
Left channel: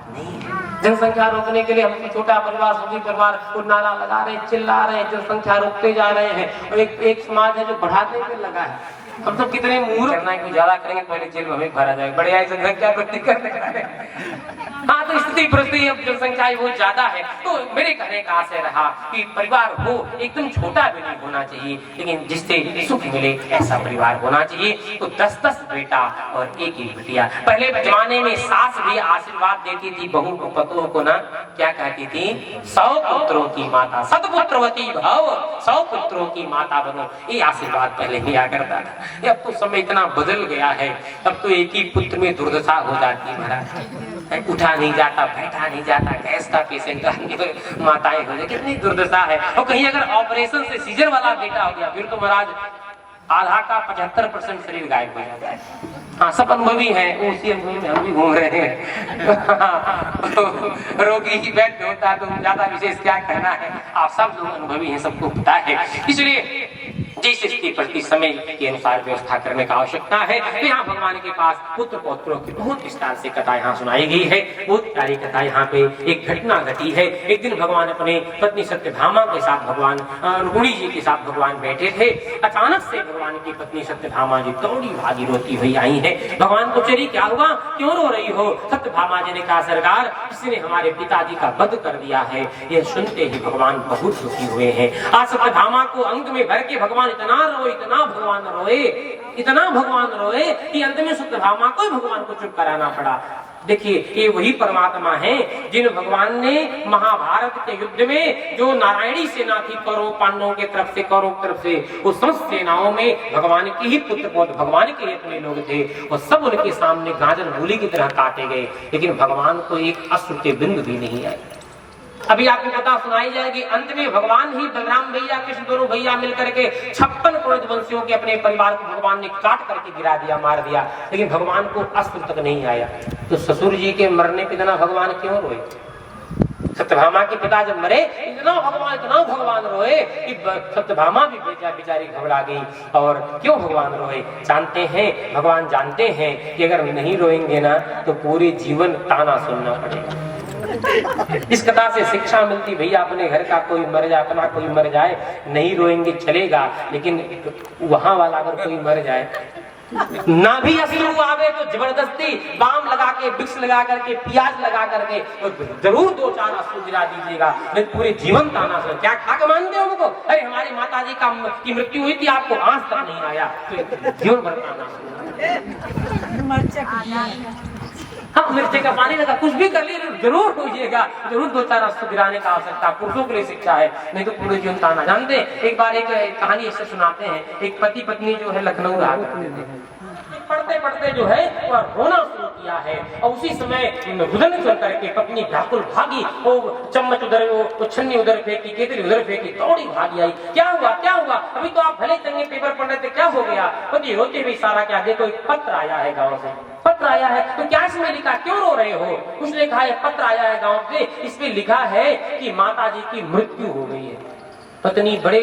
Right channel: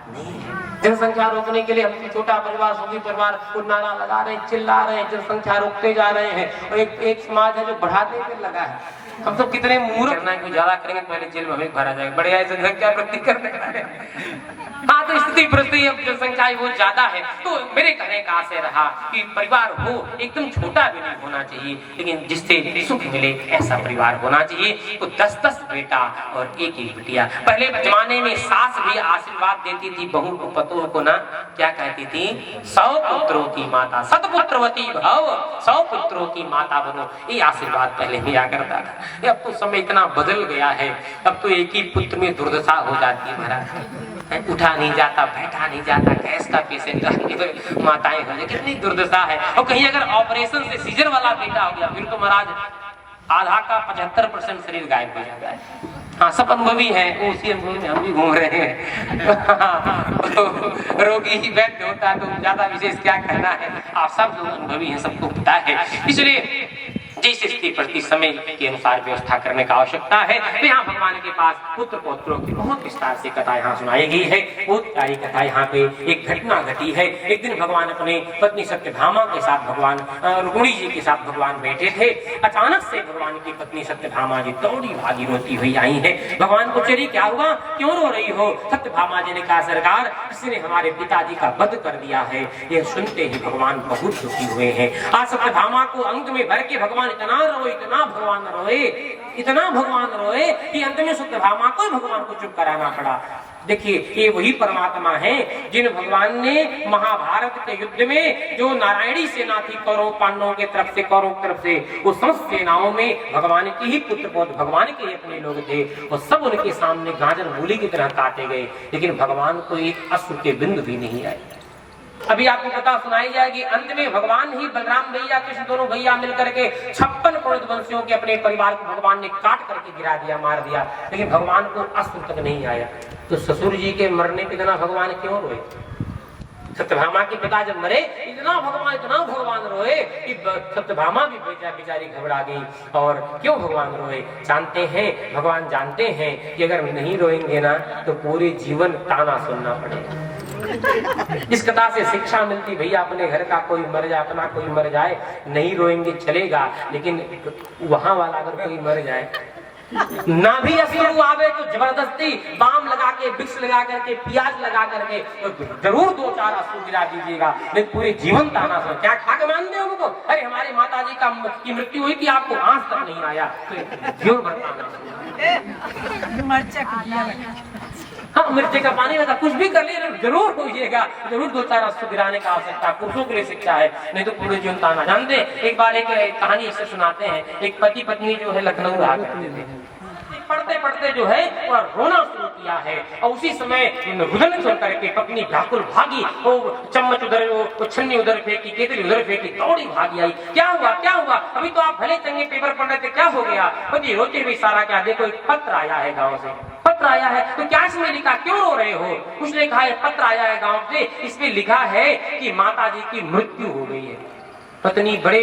नहीं है। जनसंख्या रोकने के लिए हम छोटा परिवार सुखी परिवार को नारा लगा रहे हैं, चिल्ला रहे हैं, जनसंख्या रोकते जा रहे हैं। और एक समाज है जो बढ़ाने पे लगा है। हम तो कितने मूर्ख करना है, कुछ ज्यादा करेंगे तो पहले जेल में हमें भरा जाएगा, बढ़िया जनसंख्या वृद्धि करने का है। हाँ, तो स्थिति परिस्थिति अब जनसंख्या बहुत ज्यादा है। तो मेरे कहने का आशय रहा कि परिवार हो एकदम छोटा भी नहीं होना चाहिए, लेकिन जिससे सुख मिले ऐसा परिवार होना चाहिए। तो 10-10 बेटा और एक बिटिया। पहले जमाने में सास भी आशीर्वाद देती थी बहू को, पतों को ना, क्या कहती थी? 100 पुत्रों की माता, सतपुत्रवती भव, 100 पुत्रों की माता बनो, ये आशीर्वाद पहले दिया करता था। अब तो समय इतना बदल गया है, अब तो एक ही पुत्र में दुर्दशा हो जाती है महाराज। उठा नहीं जाता, बैठा नहीं जाता, गैस का पेशेंट माताएं हो जाए, कितनी दुर्दशा है। और कहीं अगर ऑपरेशन से सीजर वाला बेटा हो गया फिर तो महाराज आधा का 75% शरीर गायब हो जाता है। हाँ, सब अनुभवी है, उसी अनुभव में हम भी घूम रहे हैं। तो रोगी ही वैद्य होता है, तो ज्यादा विशेष क्या कहना है, आप सब लोग अनुभवी हैं, सबको पता है। इसलिए जिस स्थिति प्रति समय के अनुसार व्यवस्था करने का आवश्यकता है। तो यहाँ भगवान के पास पुत्र पौत्रों की बहुत विस्तार से कथा यहाँ सुनाई गई है। बहुत प्यारी कथा यहाँ पे एक घटना घटी है। एक दिन भगवान अपने पत्नी सत्यभामा के साथ, भगवान रुक्मिणी जी के साथ भगवान बैठे थे। अचानक से भगवान की पत्नी सत्यभामा जी दौड़ी भागी रोती हुई आई है। भगवान को चली, क्या हुआ, क्यों रो रही हो? सत्यभामा जी ने कहा, सरकार किसी ने हमारे पिताजी का वध कर दिया है। यह सुनते ही भगवान बहुत दुखी हुए हैं। आज सत्यभामा को अंग में भर के भगवान इतना रोए, इतना भगवान रोए, इतना भगवान रोए कि अंत में सत्यभामा को भगवान को चुप कराना पड़ा। देखिए, ये वही परमात्मा है जिन भगवान ने महाभारत के युद्ध में जो नारायणी सेना थी कौरव पांडवों के तरफ से, कौरव की तरफ से, उस समस्त सेनाओं में भगवान के ही पुत्र पौत्र, भगवान के ही अपने लोग थे। और सब उनके सामने गाजर मूली की तरह काटे गए, लेकिन भगवान को एक अश्रु के बिंदु भी नहीं आए। अभी आपको कथा सुनाई जाएगी। अंत में भगवान ही बलराम भैया, कृष्ण दोनों भैया मिलकर के 56 करोड़ वंशियों के अपने परिवार को भगवान ने काट करके गिरा दिया, मार दिया, लेकिन भगवान को अश्रु तक नहीं आया। तो ससुर जी के मरने पे इतना भगवान क्यों रोए? सत्यभामा के पिता जब मरे इतना भगवान रोए कि सत्यभामा भी बेचारी घबरा गई। और क्यों भगवान रोए? जानते हैं, भगवान जानते हैं कि अगर नहीं रोएंगे ना तो पूरे जीवन ताना सुनना पड़ेगा। इस कथा से शिक्षा मिलती, भैया अपने घर का कोई मर जाए, अपना कोई मर जाए, नहीं रोएंगे चलेगा, लेकिन वहां वाला अगर कोई मर जाए ना भी अश्रु आवे तो जबरदस्ती बाम लगा के, विक्स लगा करके, प्याज लगा करके तो जरूर 2-4 अश्रु गिरा दीजिएगा, नहीं पूरे जीवन ताना सुन। क्या खा के मानते हो उनको? अरे हमारी माता जी की मृत्यु हुई थी, आपको आंच तक नहीं आया, तो जीवन भर ताना सुना। हाँ, मिर्ची का पानी लगा, कुछ भी कर लिए जरूर होइएगा, जरूर 2-4 अश्रु गिराने का आवश्यकता, पुरुषों के लिए शिक्षा है, नहीं तो पूरे जीवन ताना। जानते एक बार एक कहानी इससे सुनाते हैं। एक पति पत्नी जो है लखनऊ रहा करते थे, पढ़ते पढ़ते जो है और रोना शुरू किया है। और उसी समय रुदन सुन करके पत्नी व्याकुल भागी, वो चम्मच उधर, वो छन्नी उधर फेंकी, केतली उधर फेंकी, दौड़ी भागी आई। क्या हुआ, क्या हुआ? अभी तो आप भले चंगे पेपर पढ़ रहे थे, क्या हो गया? पति रोते हुए इशारा किया, देखो एक पत्र आया है गाँव से, पत्र आया है। तो क्या इसमें लिखा, क्यों रो रहे हो? उसने कहा पत्र आया है गाँव से, इसमें लिखा है कि माता जी की मृत्यु हो गई है। पत्नी बड़े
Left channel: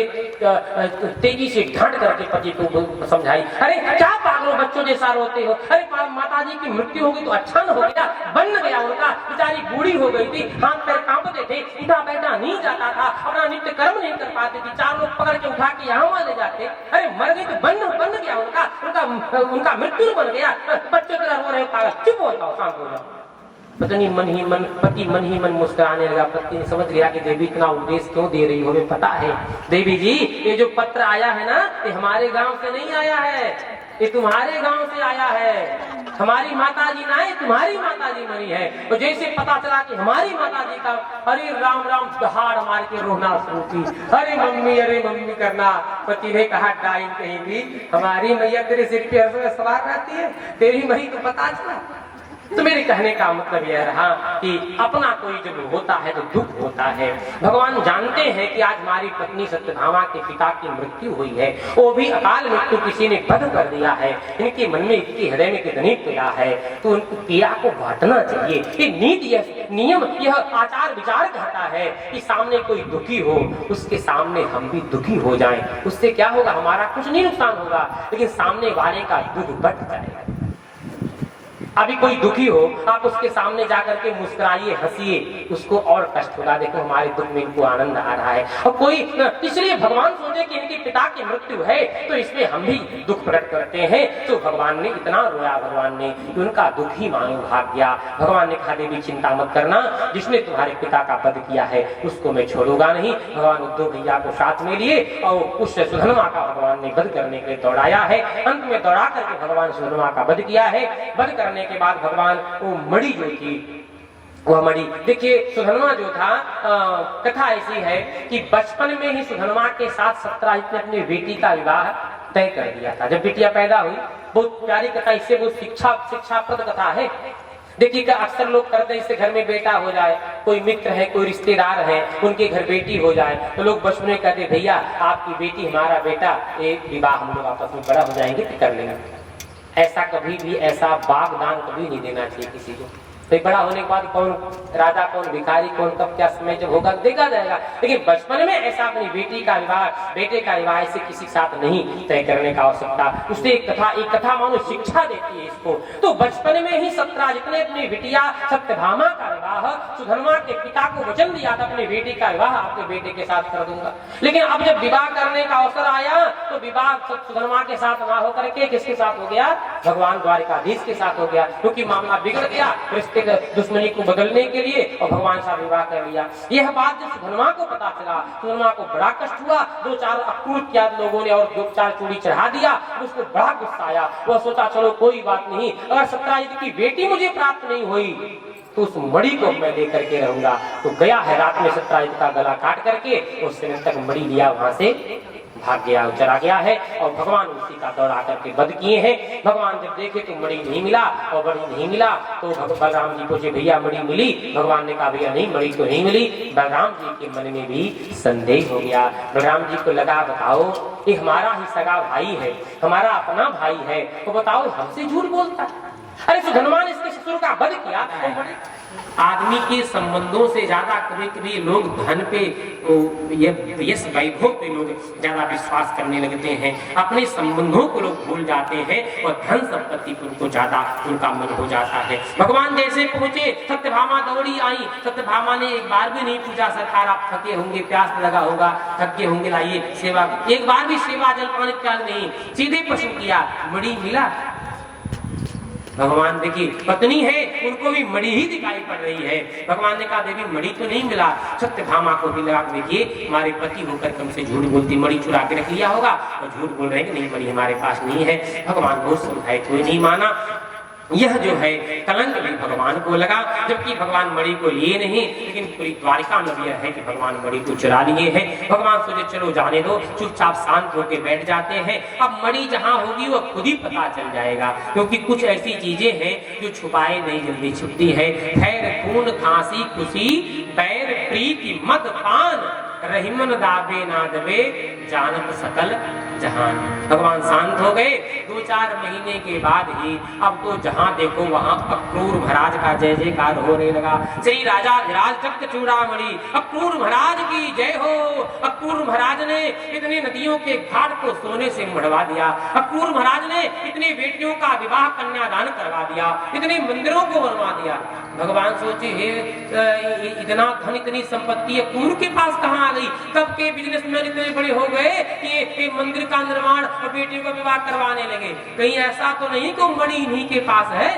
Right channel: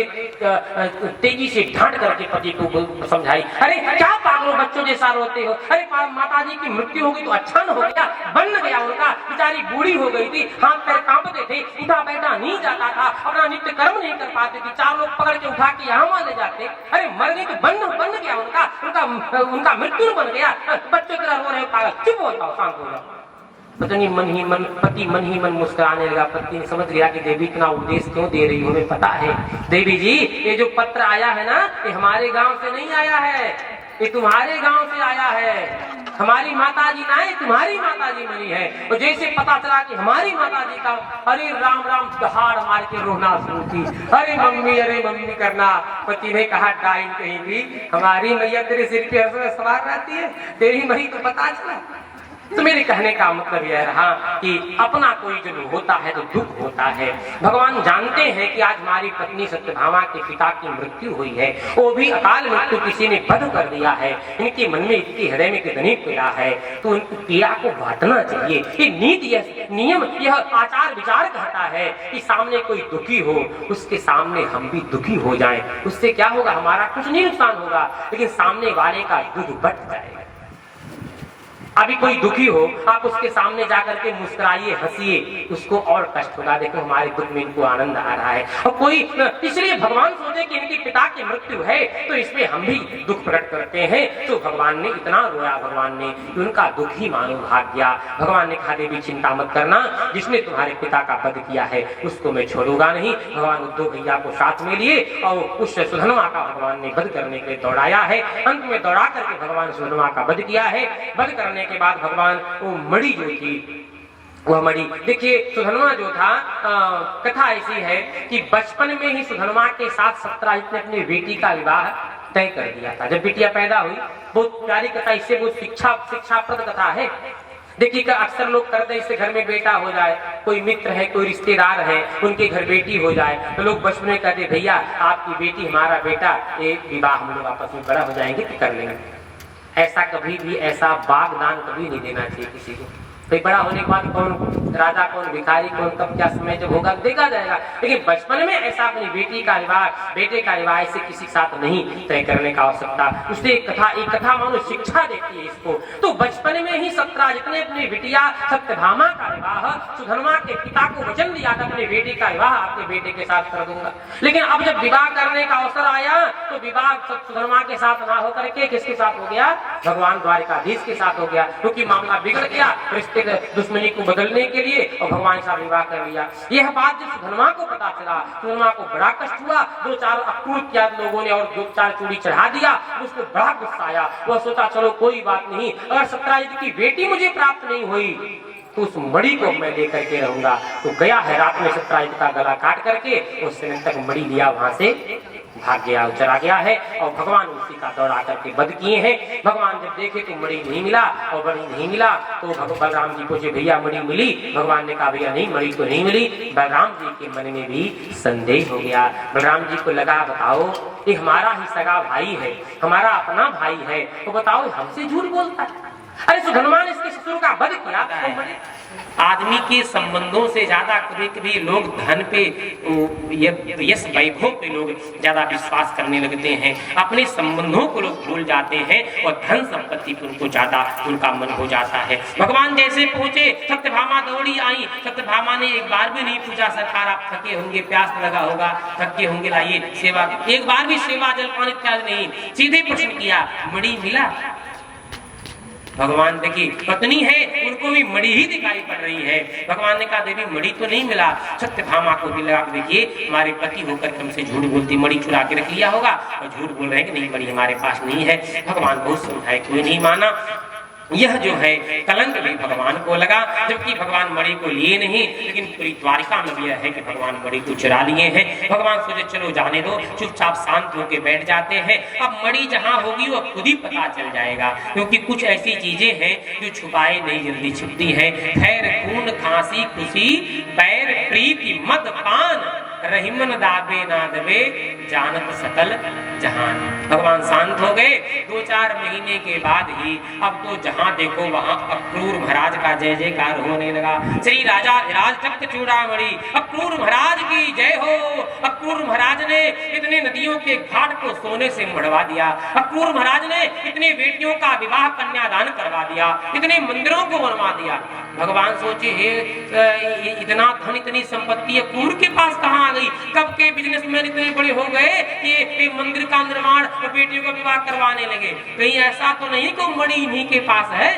तेजी से ढांट करके पति को समझाई, अरे क्या पागलों बच्चों जैसा रोते हो? अरे माता जी की मृत्यु हो गई तो अच्छा न हो गया, बन गया उनका, बेचारी बूढ़ी हो गई थी, हाथ पैर कांपते थे, उठा बैठा नहीं जाता था, अपना नित्य कर्म नहीं कर पाते थे, 4 लोग पकड़ के उठा के यहाँ ले जाते। अरे मर गई तो बन गया उनका मृत्यु बन गया, बच्चों की तरह रो रहे पागल, चुप हो जाओ, शांत हो जाओ। पत्नी मन ही मन मुस्कुराने लगा। पत्नी समझ गया कि देवी इतना उपदेश क्यों दे रही हो, हमें पता है। देवी जी, ये जो पत्र आया है ना, ये हमारे गांव से नहीं आया है, ये तुम्हारे गांव से आया है। हमारी माताजी ना है, तुम्हारी माताजी मरी है। और जैसे पता चला कि हमारी माताजी का, अरे राम राम दहाड़ मार के रोना शुरू की, अरे मम्मी करना। पति ने कहा, डाइन कहीं भी, हमारी मैया तेरे सिर पे सवार रहती है, तेरी मरी तो पता चला। तो मेरे कहने का मतलब यह रहा कि अपना कोई जब होता है तो दुख होता है। भगवान जानते हैं कि आज हमारी पत्नी सत्यभामा के पिता की मृत्यु हुई है, वो भी अकाल मृत्यु किसी ने वध कर दिया है, इनके मन में इतनी हृदय में कितनी पीड़ा है, तो उनकी पीड़ा को बांटना चाहिए। ये नीति, यह नियम, यह आचार विचार कहता है कि सामने कोई दुखी हो उसके सामने हम भी दुखी हो जाएं, उससे क्या होगा, हमारा कुछ नहीं नुकसान होगा, लेकिन सामने वाले का दुख बढ़ जाएगा। अभी कोई दुखी हो, आप उसके सामने जाकर के मुस्कुराइए, हंसिए, उसको और कष्ट होगा, देखो हमारे दुख में इनको आनंद आ रहा है। और कोई, इसलिए भगवान सोचे कि इनके पिता की मृत्यु है तो इसमें हम भी दुख प्रकट करते हैं, तो भगवान ने इतना रोया, भगवान ने कि उनका दुख ही मानो भाग गया। भगवान ने कहा देवी चिंता मत करना, जिसने तुम्हारे पिता का वध किया है उसको मैं छोड़ूंगा नहीं। भगवान उद्धव भैया को साथ में लिए और उस सुधन्वा का भगवान ने वध करने के लिए दौड़ाया है। अंत में दौड़ा करके भगवान सुधन्वा का वध किया है। वध करने के बाद भगवान वो मणि जो थी, वह मणि, देखिए सुधन्वा जो था, कथा ऐसी है कि बचपन में ही सुधन्वा के साथ सत्यराजित ने अपनी बेटी का विवाह तय कर दिया था। जब बेटियां पैदा हुई, बहुत प्यारी कथा, इससे वो शिक्षाप्रद कथा है। देखिए अक्सर लोग करते हैं, इससे घर में बेटा हो जाए, कोई मित्र है, कोई रिश्तेदार है, उनके घर बेटी हो जाए, तो लोग बचपन में कहते भैया आपकी बेटी हमारा बेटा, एक विवाह हम लोग आपस में बड़ा हो जाएंगे तो कर लेंगे। ऐसा कभी भी, ऐसा बागदान कभी नहीं देना चाहिए किसी को। फिर बड़ा होने के बाद कौन राजा, कौन भिखारी, कौन कब क्या समय जब होगा देखा जाएगा, लेकिन बचपन में ऐसा अपनी बेटी का विवाह, बेटे का विवाह ऐसे किसी के साथ नहीं तय करने का आवश्यकता। उससे एक कथा मानो शिक्षा देती है इसको। तो बचपन में ही सत्यराजित ने अपनी बिटिया सत्यभामा का विवाह, सुधन्वा के पिता को वचन दिया था अपनी बेटी का विवाह आपके बेटे के साथ कर दूंगा। लेकिन अब जब विवाह करने का अवसर आया तो विवाह सुधन्वा के साथ ना होकर के किसके साथ हो गया, भगवान द्वारिकाधीश के साथ हो गया, क्योंकि मामला बिगड़ गया, दुश्मनी को बदलने के लिए और भगवान साथ विवाह कर लिया। यह बात जब सुधन्वा को पता चला, सुधन्वा को बड़ा कष्ट हुआ। 2-4 अक्रूर लोगों ने और 2-4 चूड़ी चढ़ा दिया, उसको बड़ा गुस्सा आया। वह सोचा चलो कोई बात नहीं, अगर सत्यराजित की बेटी मुझे प्राप्त नहीं हुई तो उस मणि को मैं लेकर के रहूंगा। तो गया है रात में सत्यराजित का गला काट करके उस समय तक मणि लिया, वहां से भाग गया, चला गया है। और भगवान उसी का दौड़ा करके वध किए हैं। भगवान जब देखे तो मणि नहीं मिला, और मणि नहीं मिला तो बलराम जी पूछे भैया मणि मिली? भगवान ने कहा भैया नहीं, मणि तो नहीं मिली। बलराम जी के मन में भी संदेह हो गया। बलराम जी को लगा बताओ ये हमारा ही सगा भाई है, हमारा अपना भाई है, तो बताओ हमसे झूठ बोलता है। अरे सुधन्वा ने इसके शत्रु का वध किया। आदमी के संबंधों से ज्यादा कभी कभी लोग धन पे, यश वैभव पे लोग ज्यादा विश्वास करने लगते हैं, अपने संबंधों को लोग भूल जाते हैं और धन संपत्ति पर उनको ज्यादा उनका मन हो जाता है। भगवान जैसे पहुंचे, सत्यभामा दौड़ी आई। सत्यभामा ने एक बार भी नहीं पूछा सरकार आप थके होंगे, प्यास लगा होगा, थके होंगे, लाइए सेवा। एक बार भी सेवा जलपान इत्यादि नहीं, सीधे प्रश्न किया मणि मिला? भगवान देखिए पत्नी है, उनको भी मणि ही दिखाई पड़ रही है। भगवान ने कहा देवी मणि तो नहीं मिला। सत्यभामा को भी लगा देखिए हमारे पति होकर हमसे झूठ बोलती, मणि चुरा के रख लिया होगा और झूठ बोल रहे हैं कि नहीं मणि हमारे पास नहीं है। भगवान बहुत समझाए, कोई नहीं माना। यह जो है कलंक भी भगवान को लगा, जबकि भगवान मणि को लिए नहीं, लेकिन पूरी द्वारिका में यह है कि भगवान मणि को चुरा लिए हैं। भगवान सोचे चलो जाने दो, चुपचाप शांत होकर बैठ जाते हैं। अब मणि जहां होगी वह खुद ही पता चल जाएगा, क्योंकि कुछ ऐसी चीजें हैं जो छुपाए नहीं जल्दी छुपती है। खैर खून खांसी खुशी बैर प्रीति मद पान, रहीमन दाबे ना दबे जानत सकल जहान। भगवान शांत हो गए। 2-4 महीने के बाद ही अब तो जहां देखो वहां अक्रूर महाराज का जय जयकार होने लगा। श्री राजा धीराज तख्त चूड़ामणि अक्रूर महाराज की जय हो। अक्रूर महाराज ने इतने नदियों के घाट को सोने से मढ़वा दिया। अक्रूर महाराज ने इतने बेटियों का विवाह कन्यादान करवा दिया, इतने मंदिरों को बनवा दिया। भगवान सोचे इतना धन इतनी संपत्ति अक्रूर के पास कहाँ आ गई? कब के बिजनेसमैन इतने बड़े हो गए कि मंदिर का निर्माण और बेटियों का विवाह करवाने लगे? कहीं ऐसा तो नहीं कि मणि इन्हीं के पास है?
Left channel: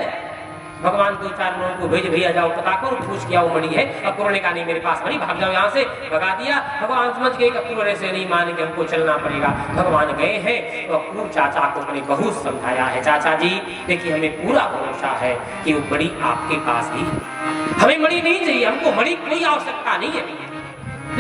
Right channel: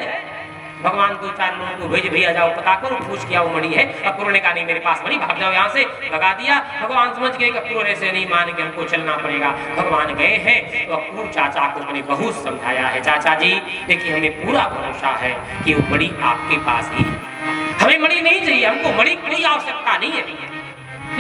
भगवान 2-4 लोगों को भेज भैया जाओ पता करो, पूछ किया वो मणि है। अक्रूर ने कहा नहीं मेरे पास मणि, भाग जाओ यहाँ से, भगा दिया। भगवान समझ गए अक्रूर ऐसे नहीं मान के हमको चलना पड़ेगा। भगवान गए हैं तो अक्रूर चाचा को मैंने बहुत समझाया है, चाचा जी देखिए हमें पूरा भरोसा है कि वो मणि आपके पास ही, हमें मणि नहीं चाहिए, हमको मणि की कोई आवश्यकता नहीं है।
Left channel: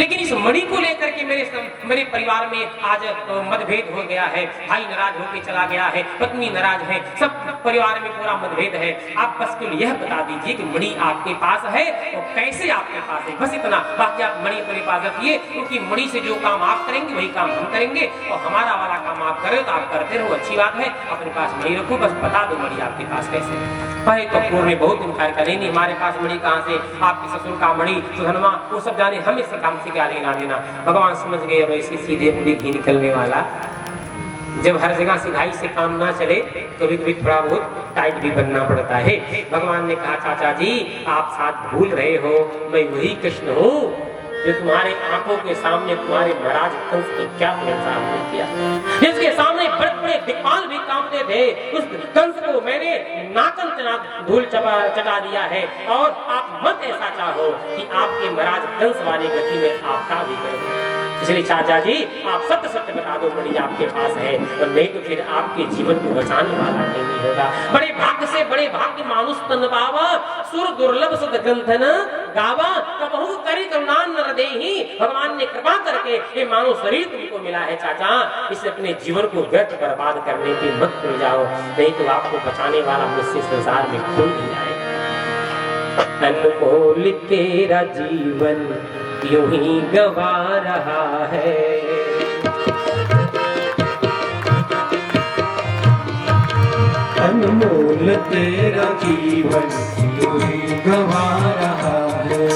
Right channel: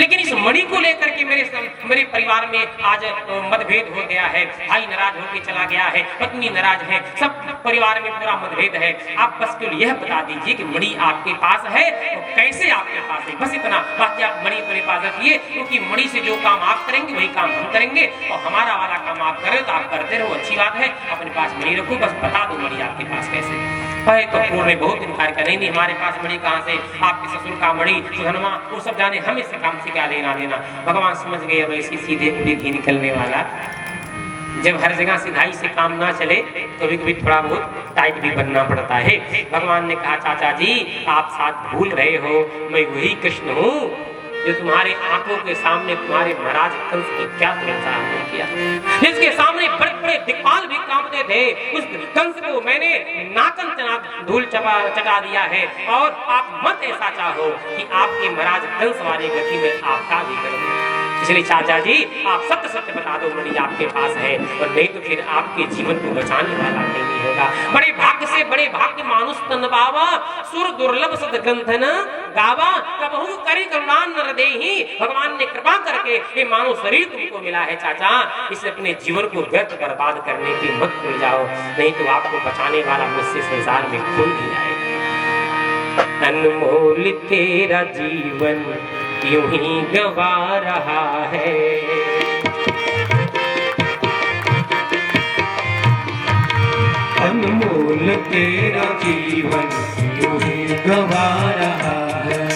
लेकिन इस मणि को लेकर के मेरे परिवार में आज मतभेद हो गया है, भाई नाराज होकर चला गया है, पत्नी नाराज है, सब परिवार में पूरा मतभेद है। आप बस केवल यह बता दीजिए कि मणि आपके पास है तो कैसे आपके पास है, बस इतना। बाकी आप मणि अपने पास रखिए, क्योंकि मणि से जो काम आप करेंगे वही काम हम करेंगे, और हमारा वाला काम आप करें तो आप करते रहो, अच्छी बात है। अपने पास मणि रखो, बस बता दो मणि आपके पास कैसे। भाई तो पूर्व में बहुत इनकार करें, नहीं हमारे पास मणि कहाँ से, आपके ससुर का मणि सुधनवा वो सब जाने, हम इस काम से क्या लेना देना। भगवान समझ गए अब ऐसी सीधे पूरी घी निकलने वाला। जब हर जगह सिधाई से काम ना चले कभी कभी थोड़ा बहुत टाइट भी बनना पड़ता है। भगवान ने कहा चाचा जी आप साथ भूल रहे हो, मैं वही कृष्ण हूँ जो तुम्हारे आंखों के सामने तुम्हारे महाराज कंस की क्या तुलना किया, जिसके सामने बड़े बड़े दिक्पाल भी कांपते थे, उस कंस को मैंने नाकन धूल चटा दिया है। और आप मत ऐसा चाहो कि आपके महाराज कंस वाली गति में आपका भी करूं। इसलिए चाचा जी आप सत्य सत्य बता दो मणि आपके पास है, और नहीं तो फिर आपके जीवन को बचाने वाला नहीं होगा। बड़े भाग्य से बड़े भाग्य मानुष तन पावा, सुर दुर्लभ सद ग्रंथन गावा, कबहू करी करुणा नर देहि। भगवान ने कृपा करके ये मानव शरीर तुमको मिला है चाचा, इसलिए अपने जीवन को व्यर्थ बर्बाद करने की मत भूल जाओ, नहीं तो आपको बचाने वाला मुझसे संसार में कोई नहीं आएगा। अनमोल तेरा जीवन यूं ही गवा रहा है, अनमोल तेरा जीवन यूं ही गवा रहा है।